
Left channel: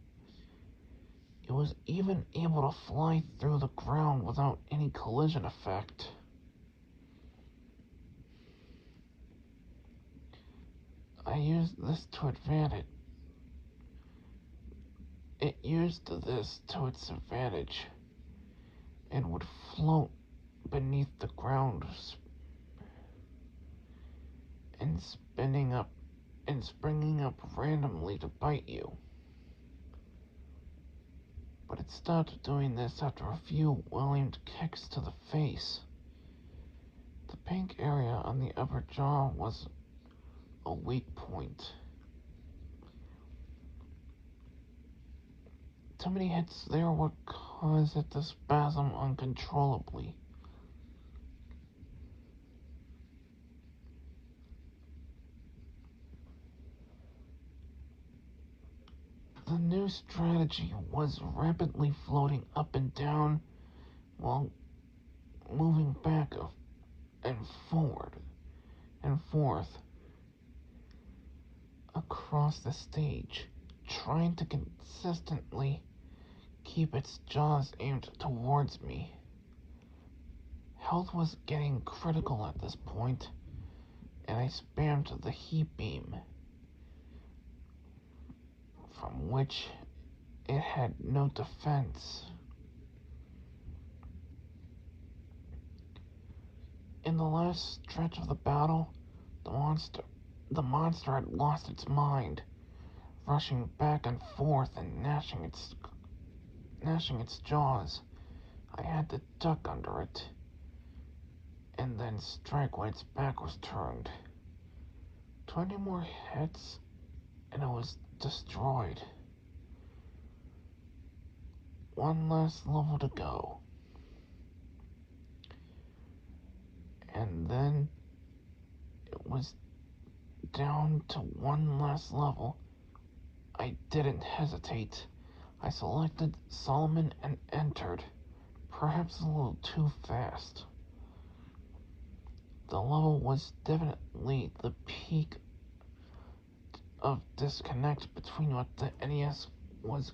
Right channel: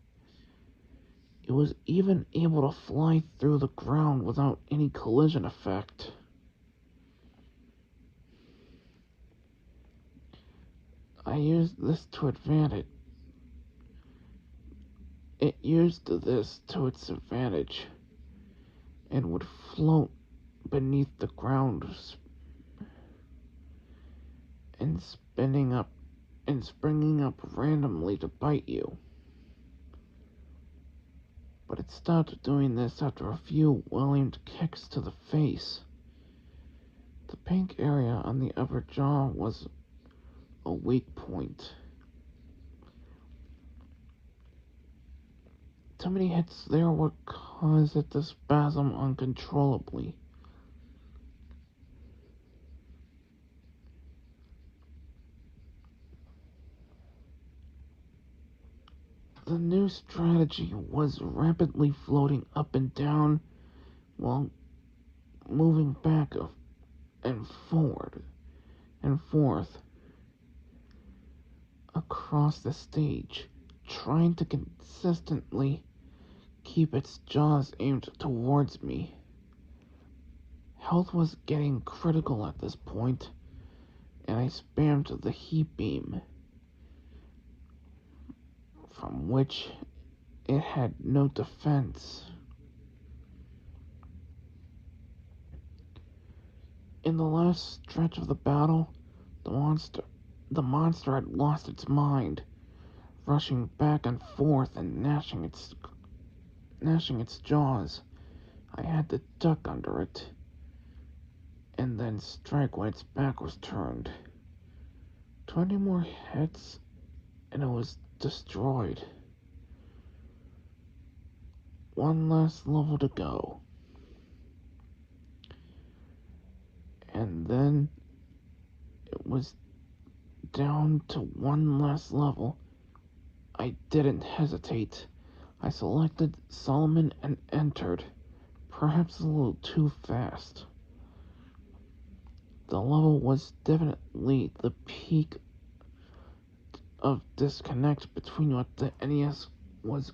It was even able to fly through the ground without any collision effect. I used this to advantage. It used this to its advantage and would float beneath the ground and springing up randomly to bite you. But it stopped doing this after a few well-aimed kicks to the face. The pink area on the upper jaw was a weak point. Too many hits there would cause it to spasm uncontrollably. The new strategy was rapidly floating up and down while moving back and forward and forth across the stage, trying to consistently keep its jaws aimed towards me. Health was getting critical at this point, and I spammed the heat beam, from which it had no defense. In the last stretch of the battle, the monster had lost its mind, rushing back and forth and gnashing its jaws. I had to duck under it, and then strike while its back was turned. 20 more hits, and it was destroyed. One last level to go. And then it was down to one last level. I didn't hesitate. I selected Solomon and entered, perhaps a little too fast. The level was definitely the peak of disconnect between what the NES was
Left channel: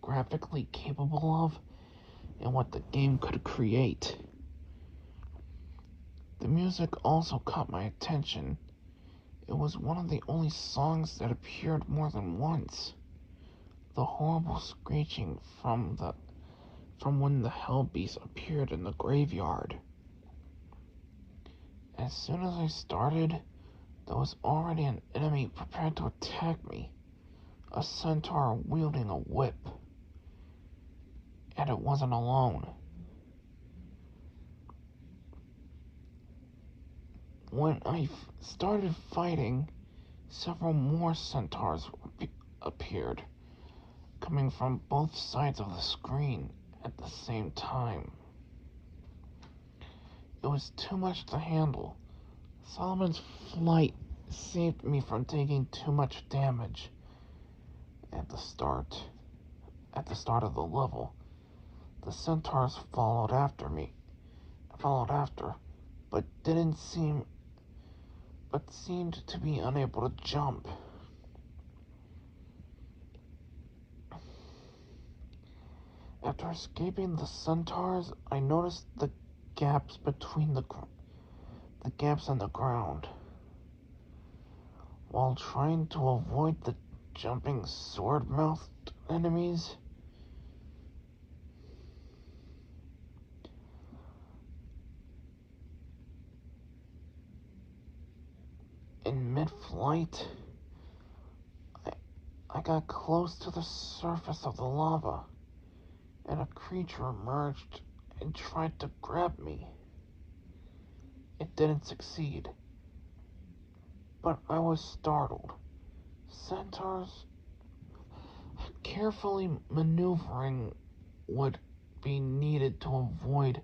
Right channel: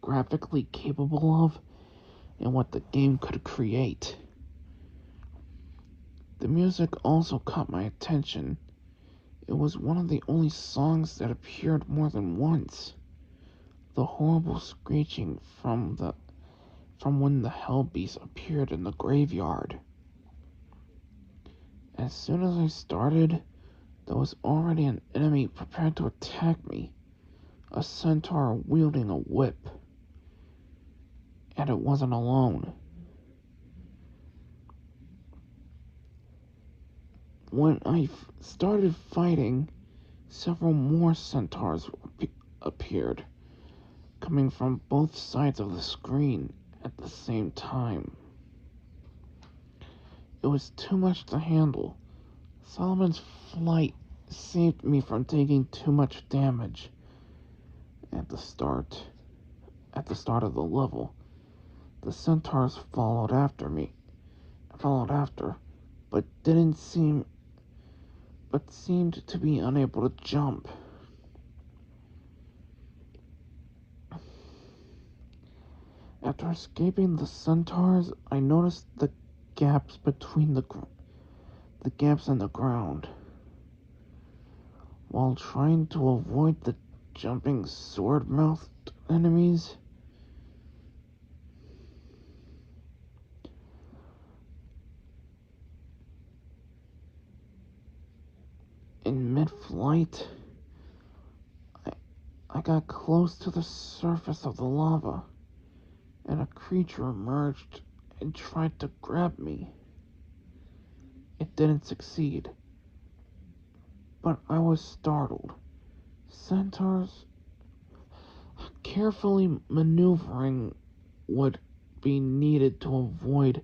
graphically capable of and what the game could create. The music also caught my attention. It was one of the only songs that appeared more than once. The horrible screeching from when the Hell Beast appeared in the graveyard. As soon as I started, there was already an enemy prepared to attack me, a centaur wielding a whip. And it wasn't alone. When I started fighting, several more centaurs appeared, coming from both sides of the screen at the same time. It was too much to handle. Solomon's flight saved me from taking too much damage at the start of the level. The centaurs followed after, but seemed to be unable to jump. After escaping the centaurs, I noticed the gaps between the gaps in the ground. While trying to avoid the jumping sword-mouthed enemies, in mid-flight, I got close to the surface of the lava, and a creature emerged and tried to grab me. It didn't succeed, but I was startled. Centaurs, carefully maneuvering would be needed to avoid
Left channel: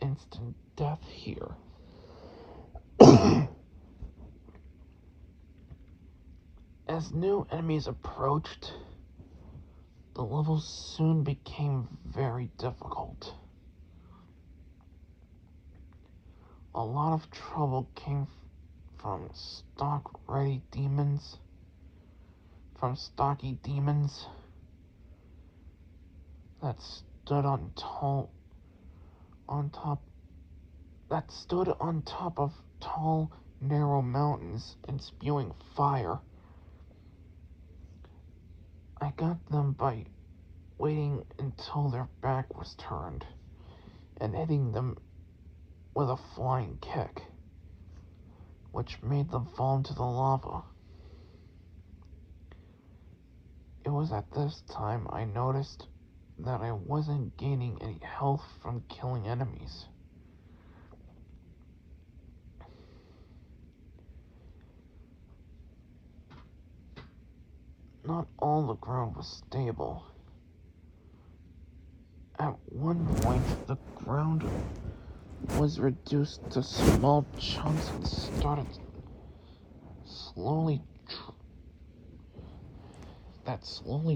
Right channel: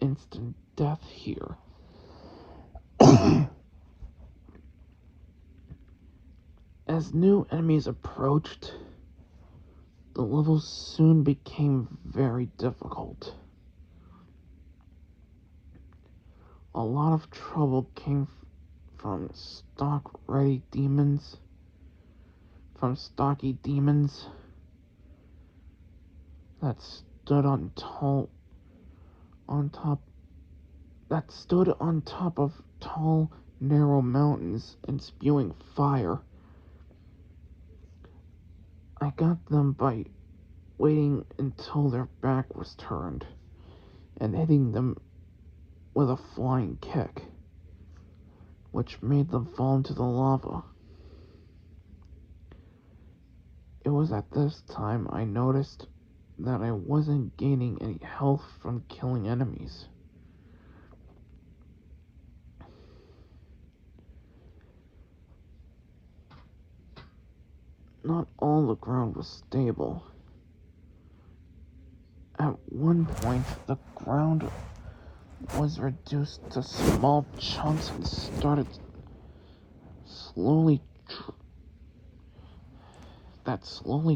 instant death here. As new enemies approached, the levels soon became very difficult. A lot of trouble came from stocky demons that stood on top of tall, narrow mountains and spewing fire. I got them by waiting until their back was turned and hitting them with a flying kick, which made them fall into the lava. It was at this time I noticed that I wasn't gaining any health from killing enemies. Not all the ground was stable. At one point, the ground was reduced to small chunks and started slowly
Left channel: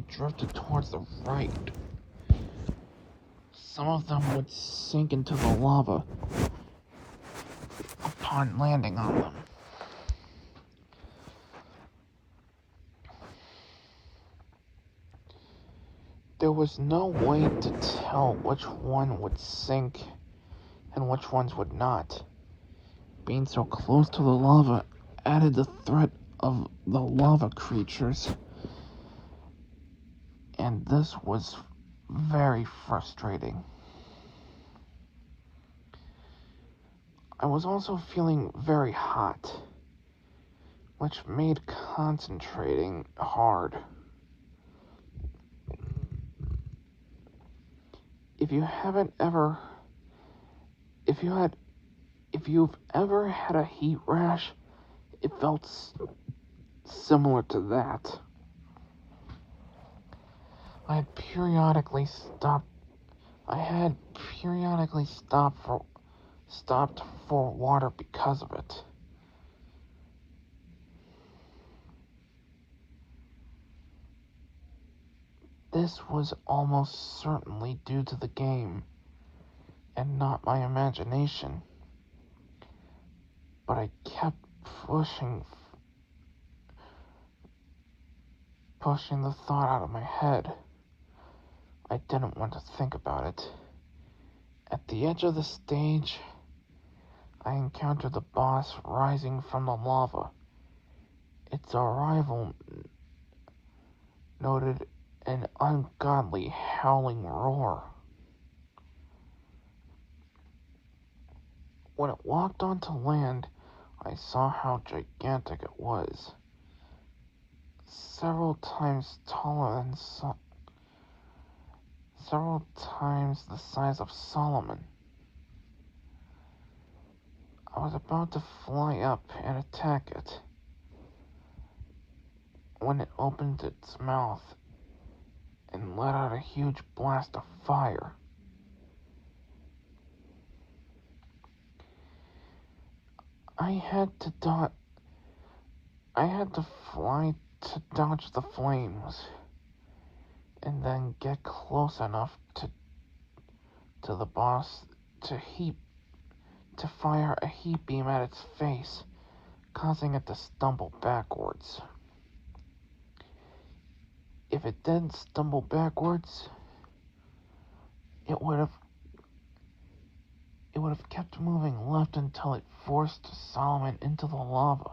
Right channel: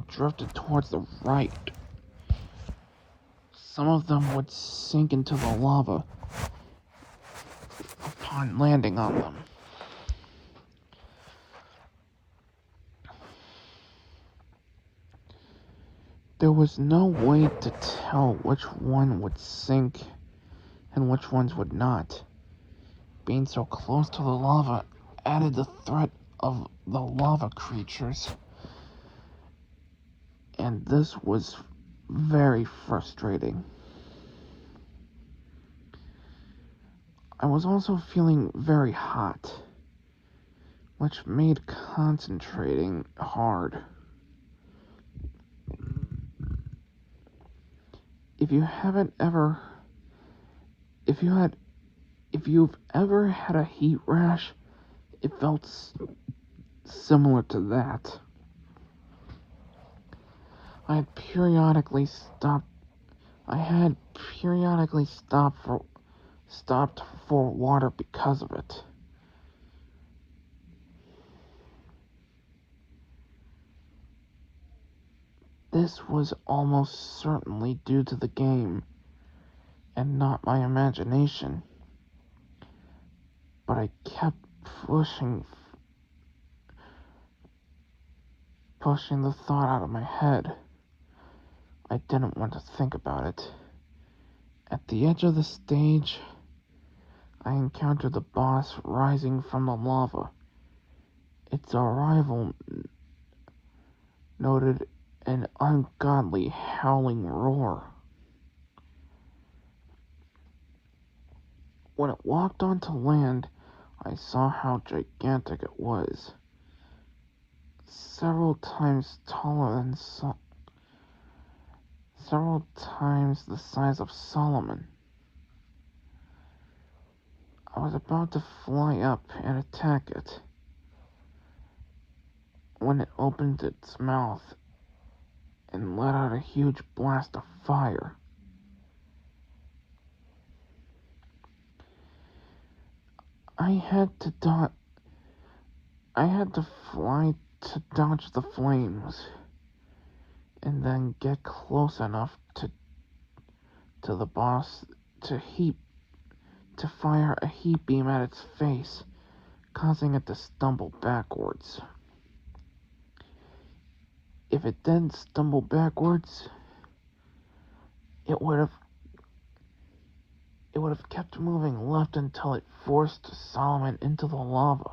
drifted towards the right. Some of them would sink into the lava upon landing on them. There was no way to tell which one would sink and which ones would not. Being so close to the lava added the threat of the lava creatures, and this was very frustrating. I was also feeling very hot, which made concentrating hard. If you've ever had a heat rash, it felt similar to that. I had periodically stopped for water because of it. This was almost certainly due to the game and not my imagination, but I kept pushing the thought out of my head. I didn't want to think about it. At the edge of the stage, I encountered the boss rising from the lava. Its arrival noted an ungodly howling roar. When it walked onto land, I saw how gigantic it was. Several times the size of Solomon. I was about to fly up and attack it when it opened its mouth and let out a huge blast of fire. I had to fly to dodge the flames and then get close enough to the boss to fire a heat beam at its face, causing it to stumble backwards. If it didn't stumble backwards, it would have kept moving left until it forced Solomon into the lava.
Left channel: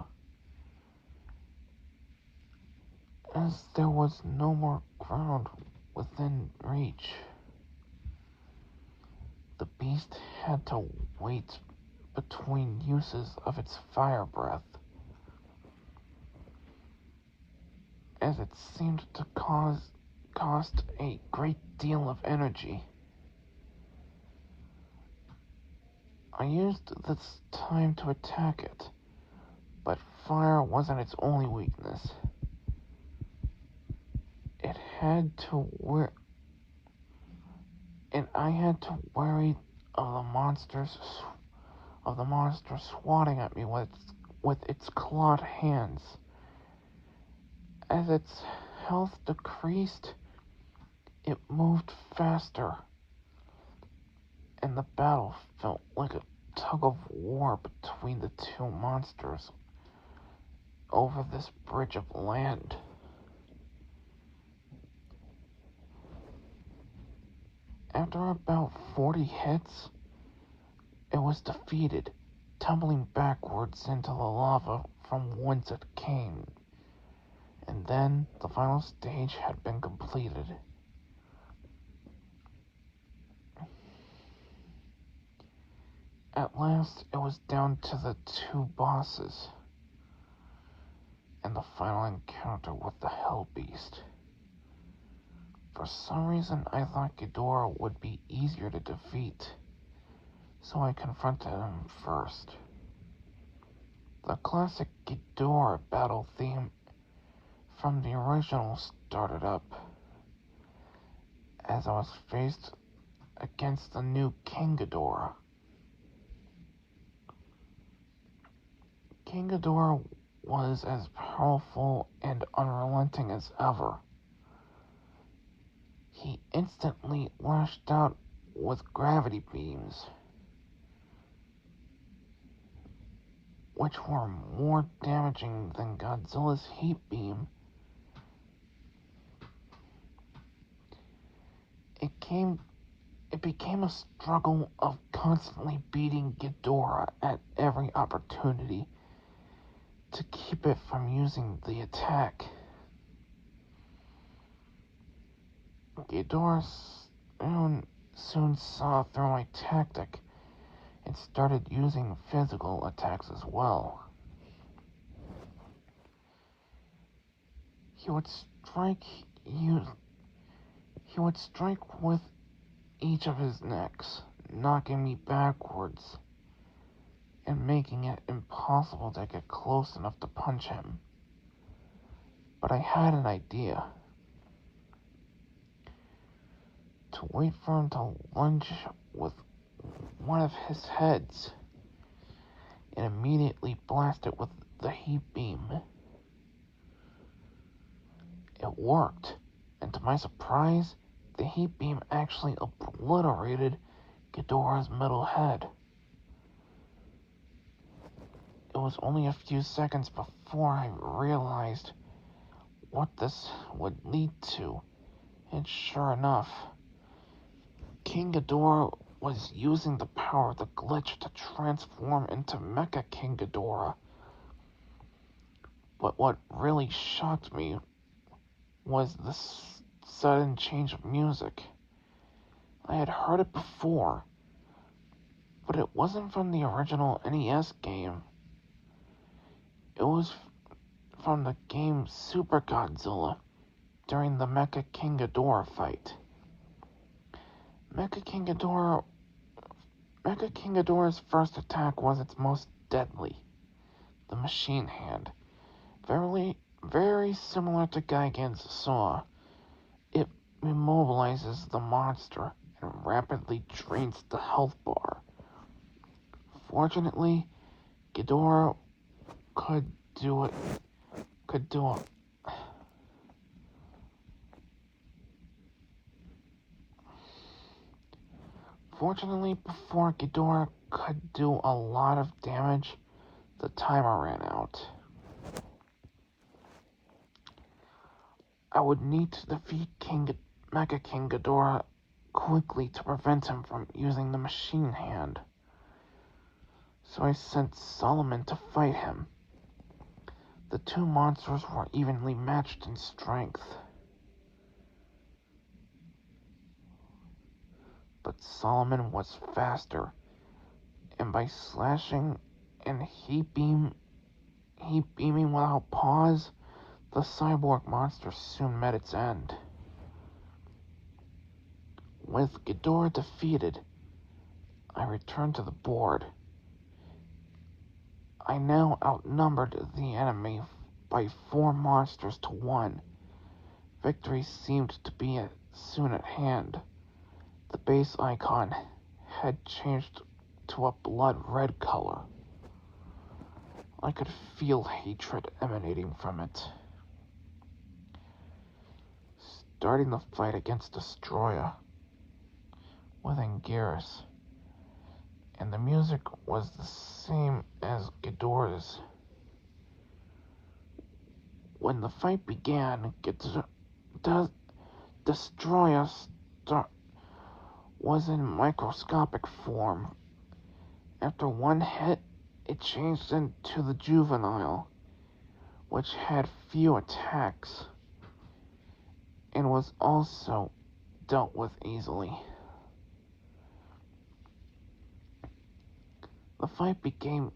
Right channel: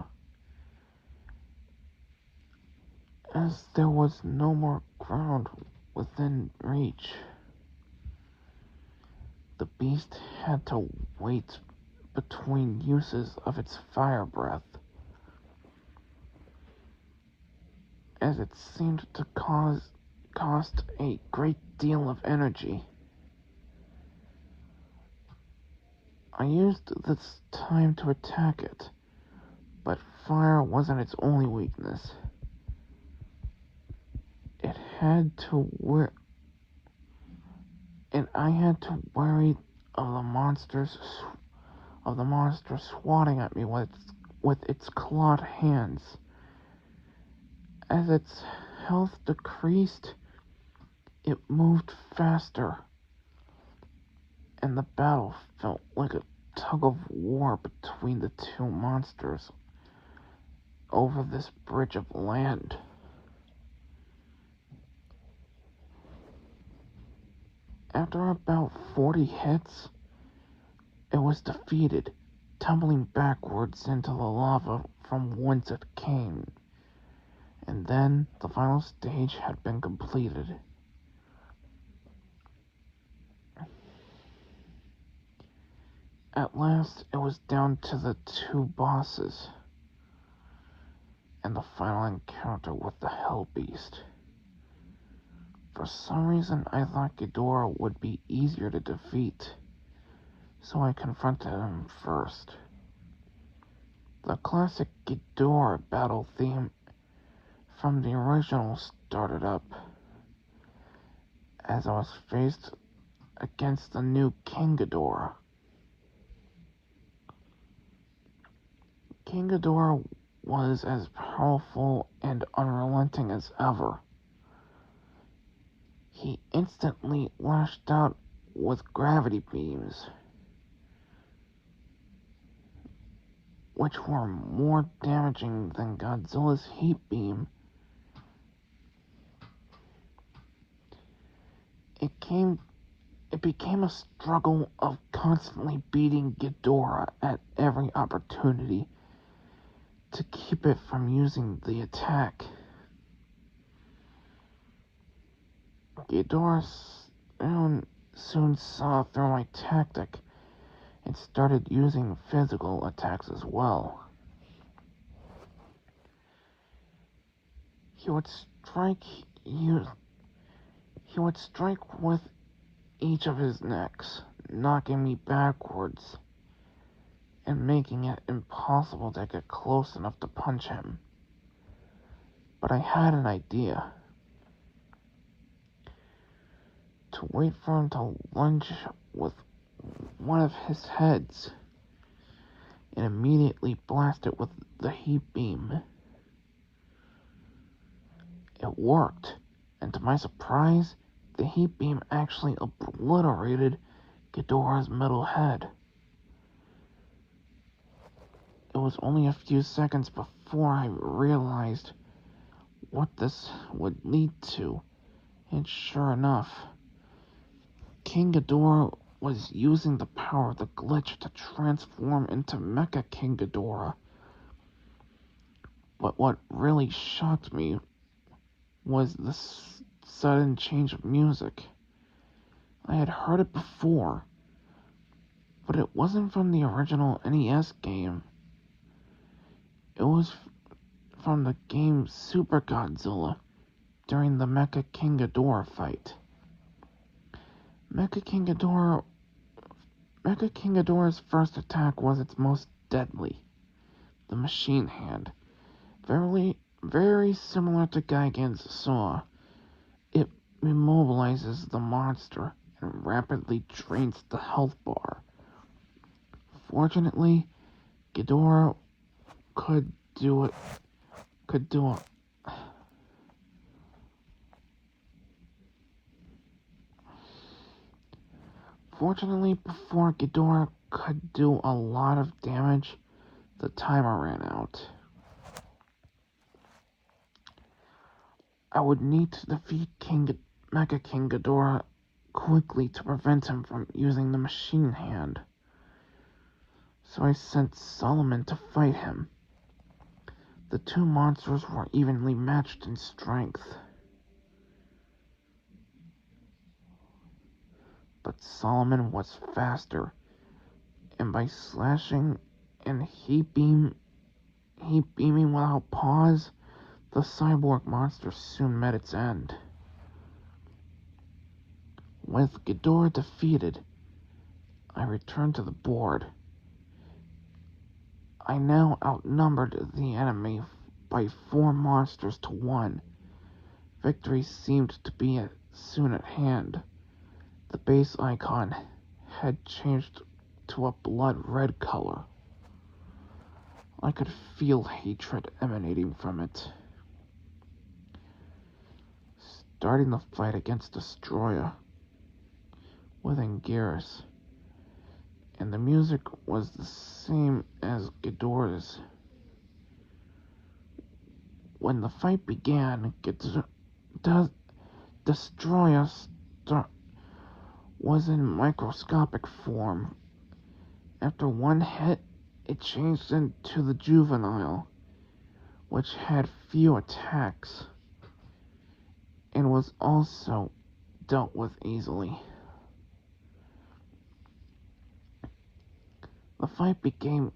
As there was no more ground within reach, the beast had to wait between uses of its fire breath, as it seemed to cost a great deal of energy. I used this time to attack it, but fire wasn't its only weakness. It had to I had to worry of the monster swatting at me with its clawed hands. As its health decreased, it moved faster, and the battle felt like a tug of war between the two monsters over this bridge of land. After about 40 hits, it was defeated, tumbling backwards into the lava from whence it came. And then the final stage had been completed. At last, it was down to the two bosses and the final encounter with the Hell Beast. For some reason, I thought Ghidorah would be easier to defeat, so I confronted him first. The classic Ghidorah battle theme from the original started up as I was faced against the new King Ghidorah. King Ghidorah was as powerful and unrelenting as ever. He instantly lashed out with gravity beams, which were more damaging than Godzilla's heat beam. It became a struggle of constantly beating Ghidorah at every opportunity to keep it from using the attack. Ghidorah soon saw through my tactic and started using physical attacks as well. He would strike with each of his necks, knocking me backwards and making it impossible to get close enough to punch him. But I had an idea. To wait for him to lunge with one of his heads and immediately blast it with the heat beam. It worked, and to my surprise, the heat beam actually obliterated Ghidorah's middle head. It was only a few seconds before I realized what this would lead to, and sure enough, King Ghidorah was using the power of the glitch to transform into Mecha King Ghidorah. But what really shocked me was the sudden change of music. I had heard it before, but it wasn't from the original NES game. It was from the game Super Godzilla during the Mecha King Ghidorah fight. Mecha King Ghidorah's first attack was its most deadly, the machine hand. Very similar to Gigan's saw, it immobilizes the monster and rapidly drains the health bar. Fortunately, Ghidorah could do it. Fortunately, before Ghidorah could do a lot of damage, the timer ran out. I would need to defeat Mecha King Ghidorah quickly to prevent him from using the machine hand. So I sent Solomon to fight him. The two monsters were evenly matched in strength. But Solomon was faster, and by slashing and heat beaming without pause, the cyborg monster soon met its end. With Ghidorah defeated, I returned to the board. I now outnumbered the enemy by 4 monsters to 1. Victory seemed to be soon at hand. The base icon had changed to a blood red color. I could feel hatred emanating from it. Starting the fight against Destroyer with Anguirus, and the music was the same as Ghidorah's. When the fight began, Destroyer was in microscopic form. After one hit, it changed into the Juvenile, which had few attacks, and was also dealt with easily. The fight became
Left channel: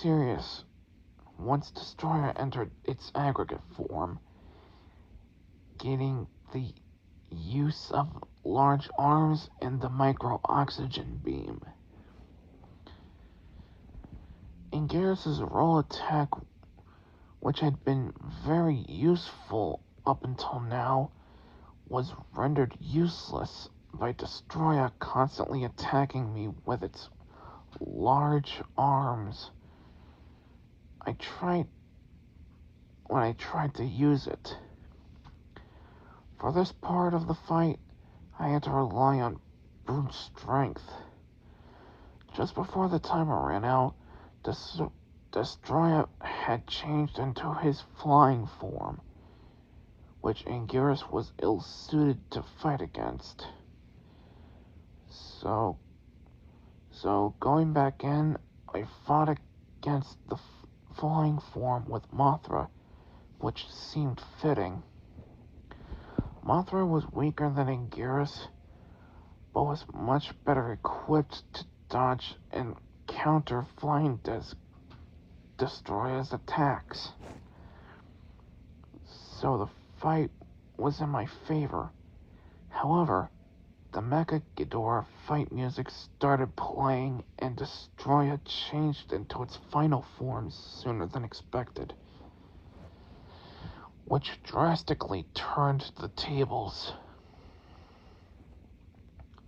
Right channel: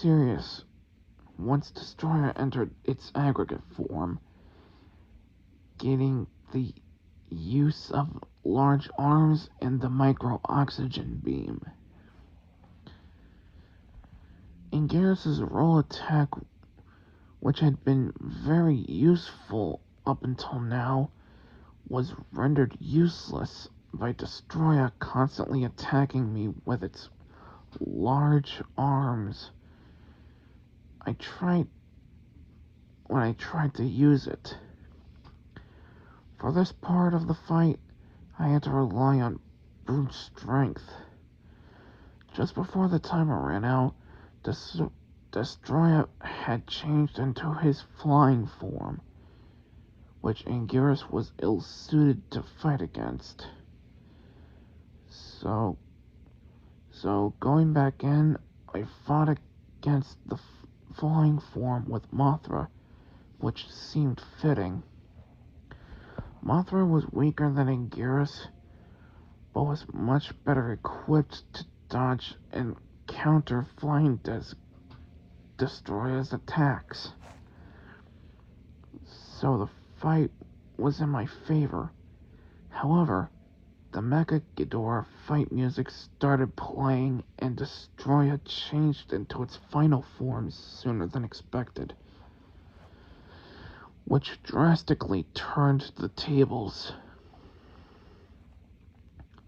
serious once Destroyer entered its aggregate form, gaining the use of large arms and the micro-oxygen beam. Anguirus' roll attack, which had been very useful up until now, was rendered useless by Destroyer constantly attacking me with its large arms. When I tried to use it. For this part of the fight, I had to rely on brute strength. Just before the timer ran out, Destroyer had changed into his flying form, which Anguirus was ill-suited to fight against. So going back in, I fought against the flying form with Mothra, which seemed fitting. Mothra was weaker than Anguirus, but was much better equipped to dodge and counter flying Destroyer's attacks. So the fight was in my favor. However, the Mecha Ghidorah fight music started playing and Destroyer changed into its final form sooner than expected, which drastically turned the tables.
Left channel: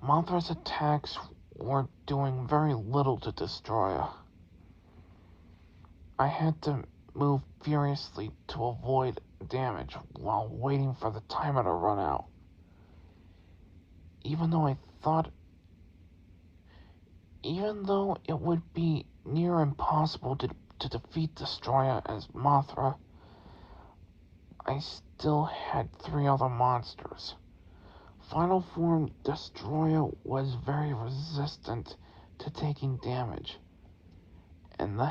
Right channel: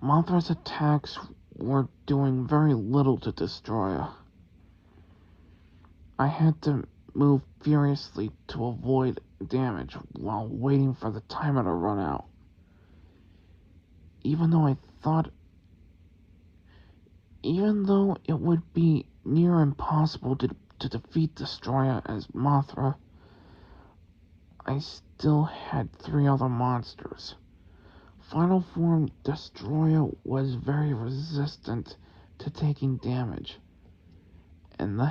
Mothra's attacks were doing very little to Destroyer. I had to move furiously to avoid damage while waiting for the timer to run out. Even though it would be near impossible to defeat Destroyer as Mothra, I still had 3 other monsters. Final form Destroyer was very resistant to taking damage, and the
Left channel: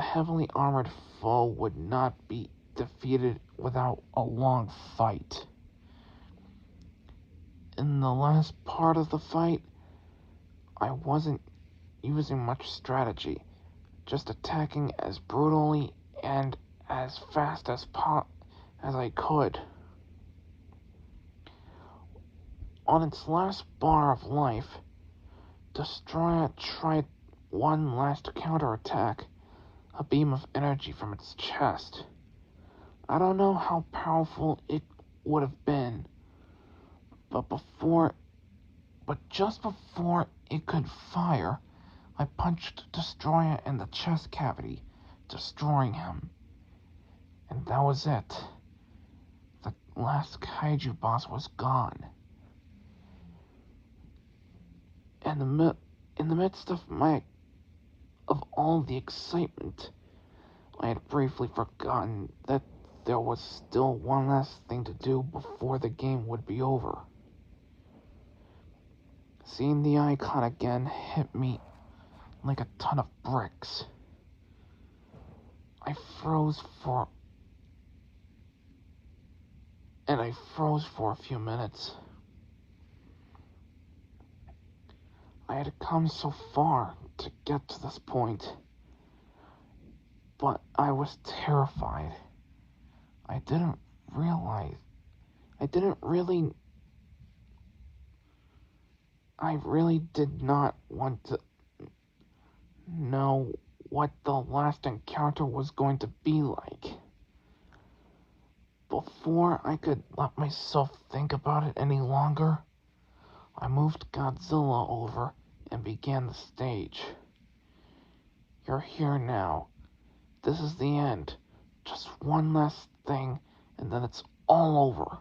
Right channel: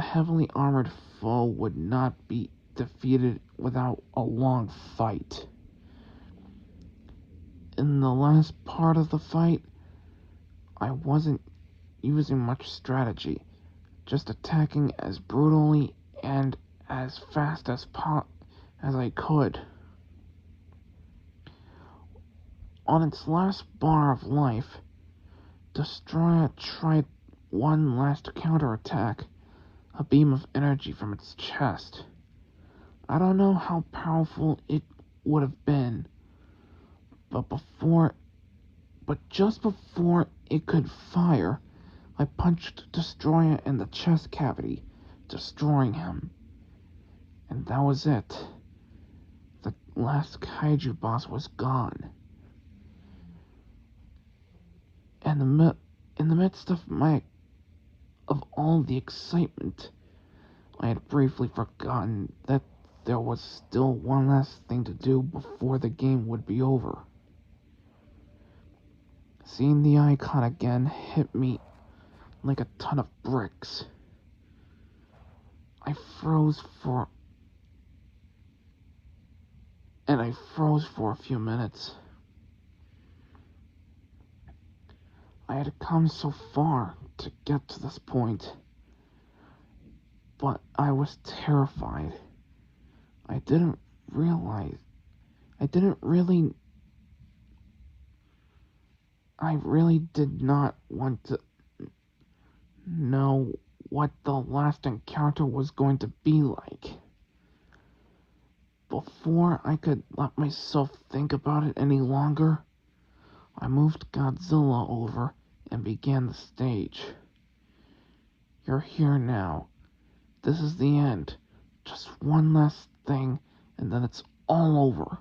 heavily armored foe would not be defeated without a long fight. In the last part of the fight, I wasn't using much strategy, just attacking as brutally and as fast as I could. On its last bar of life, Destroyer tried one last counterattack, a beam of energy from its chest. I don't know how powerful it would have been, but just before it could fire, I punched Destroyer in the chest cavity, destroying him. And that was it. The last kaiju boss was gone. In the midst of all the excitement, I had briefly forgotten that there was still one last thing to do before the game would be over. Seeing the icon again hit me like a ton of bricks. I froze for a few minutes. I had come so far to get to this point, but I was terrified. I really did not want to know what the last encounter was going to be like. Before I could let myself think about it any longer, I moved Godzilla over and began the stage. You're here now. This is the end. Just one last thing, and then it's all over.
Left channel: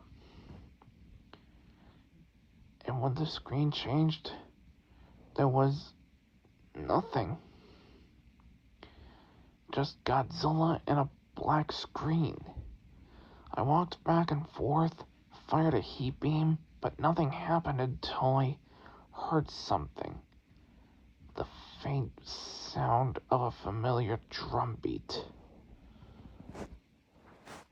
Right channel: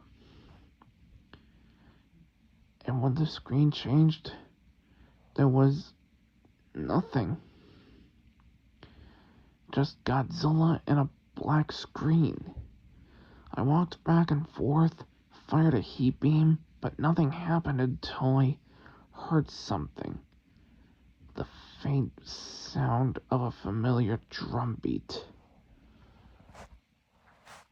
And when the screen changed, there was nothing. Just Godzilla and a black screen. I walked back and forth, fired a heat beam, but nothing happened until I heard something. The faint sound of a familiar drum beat.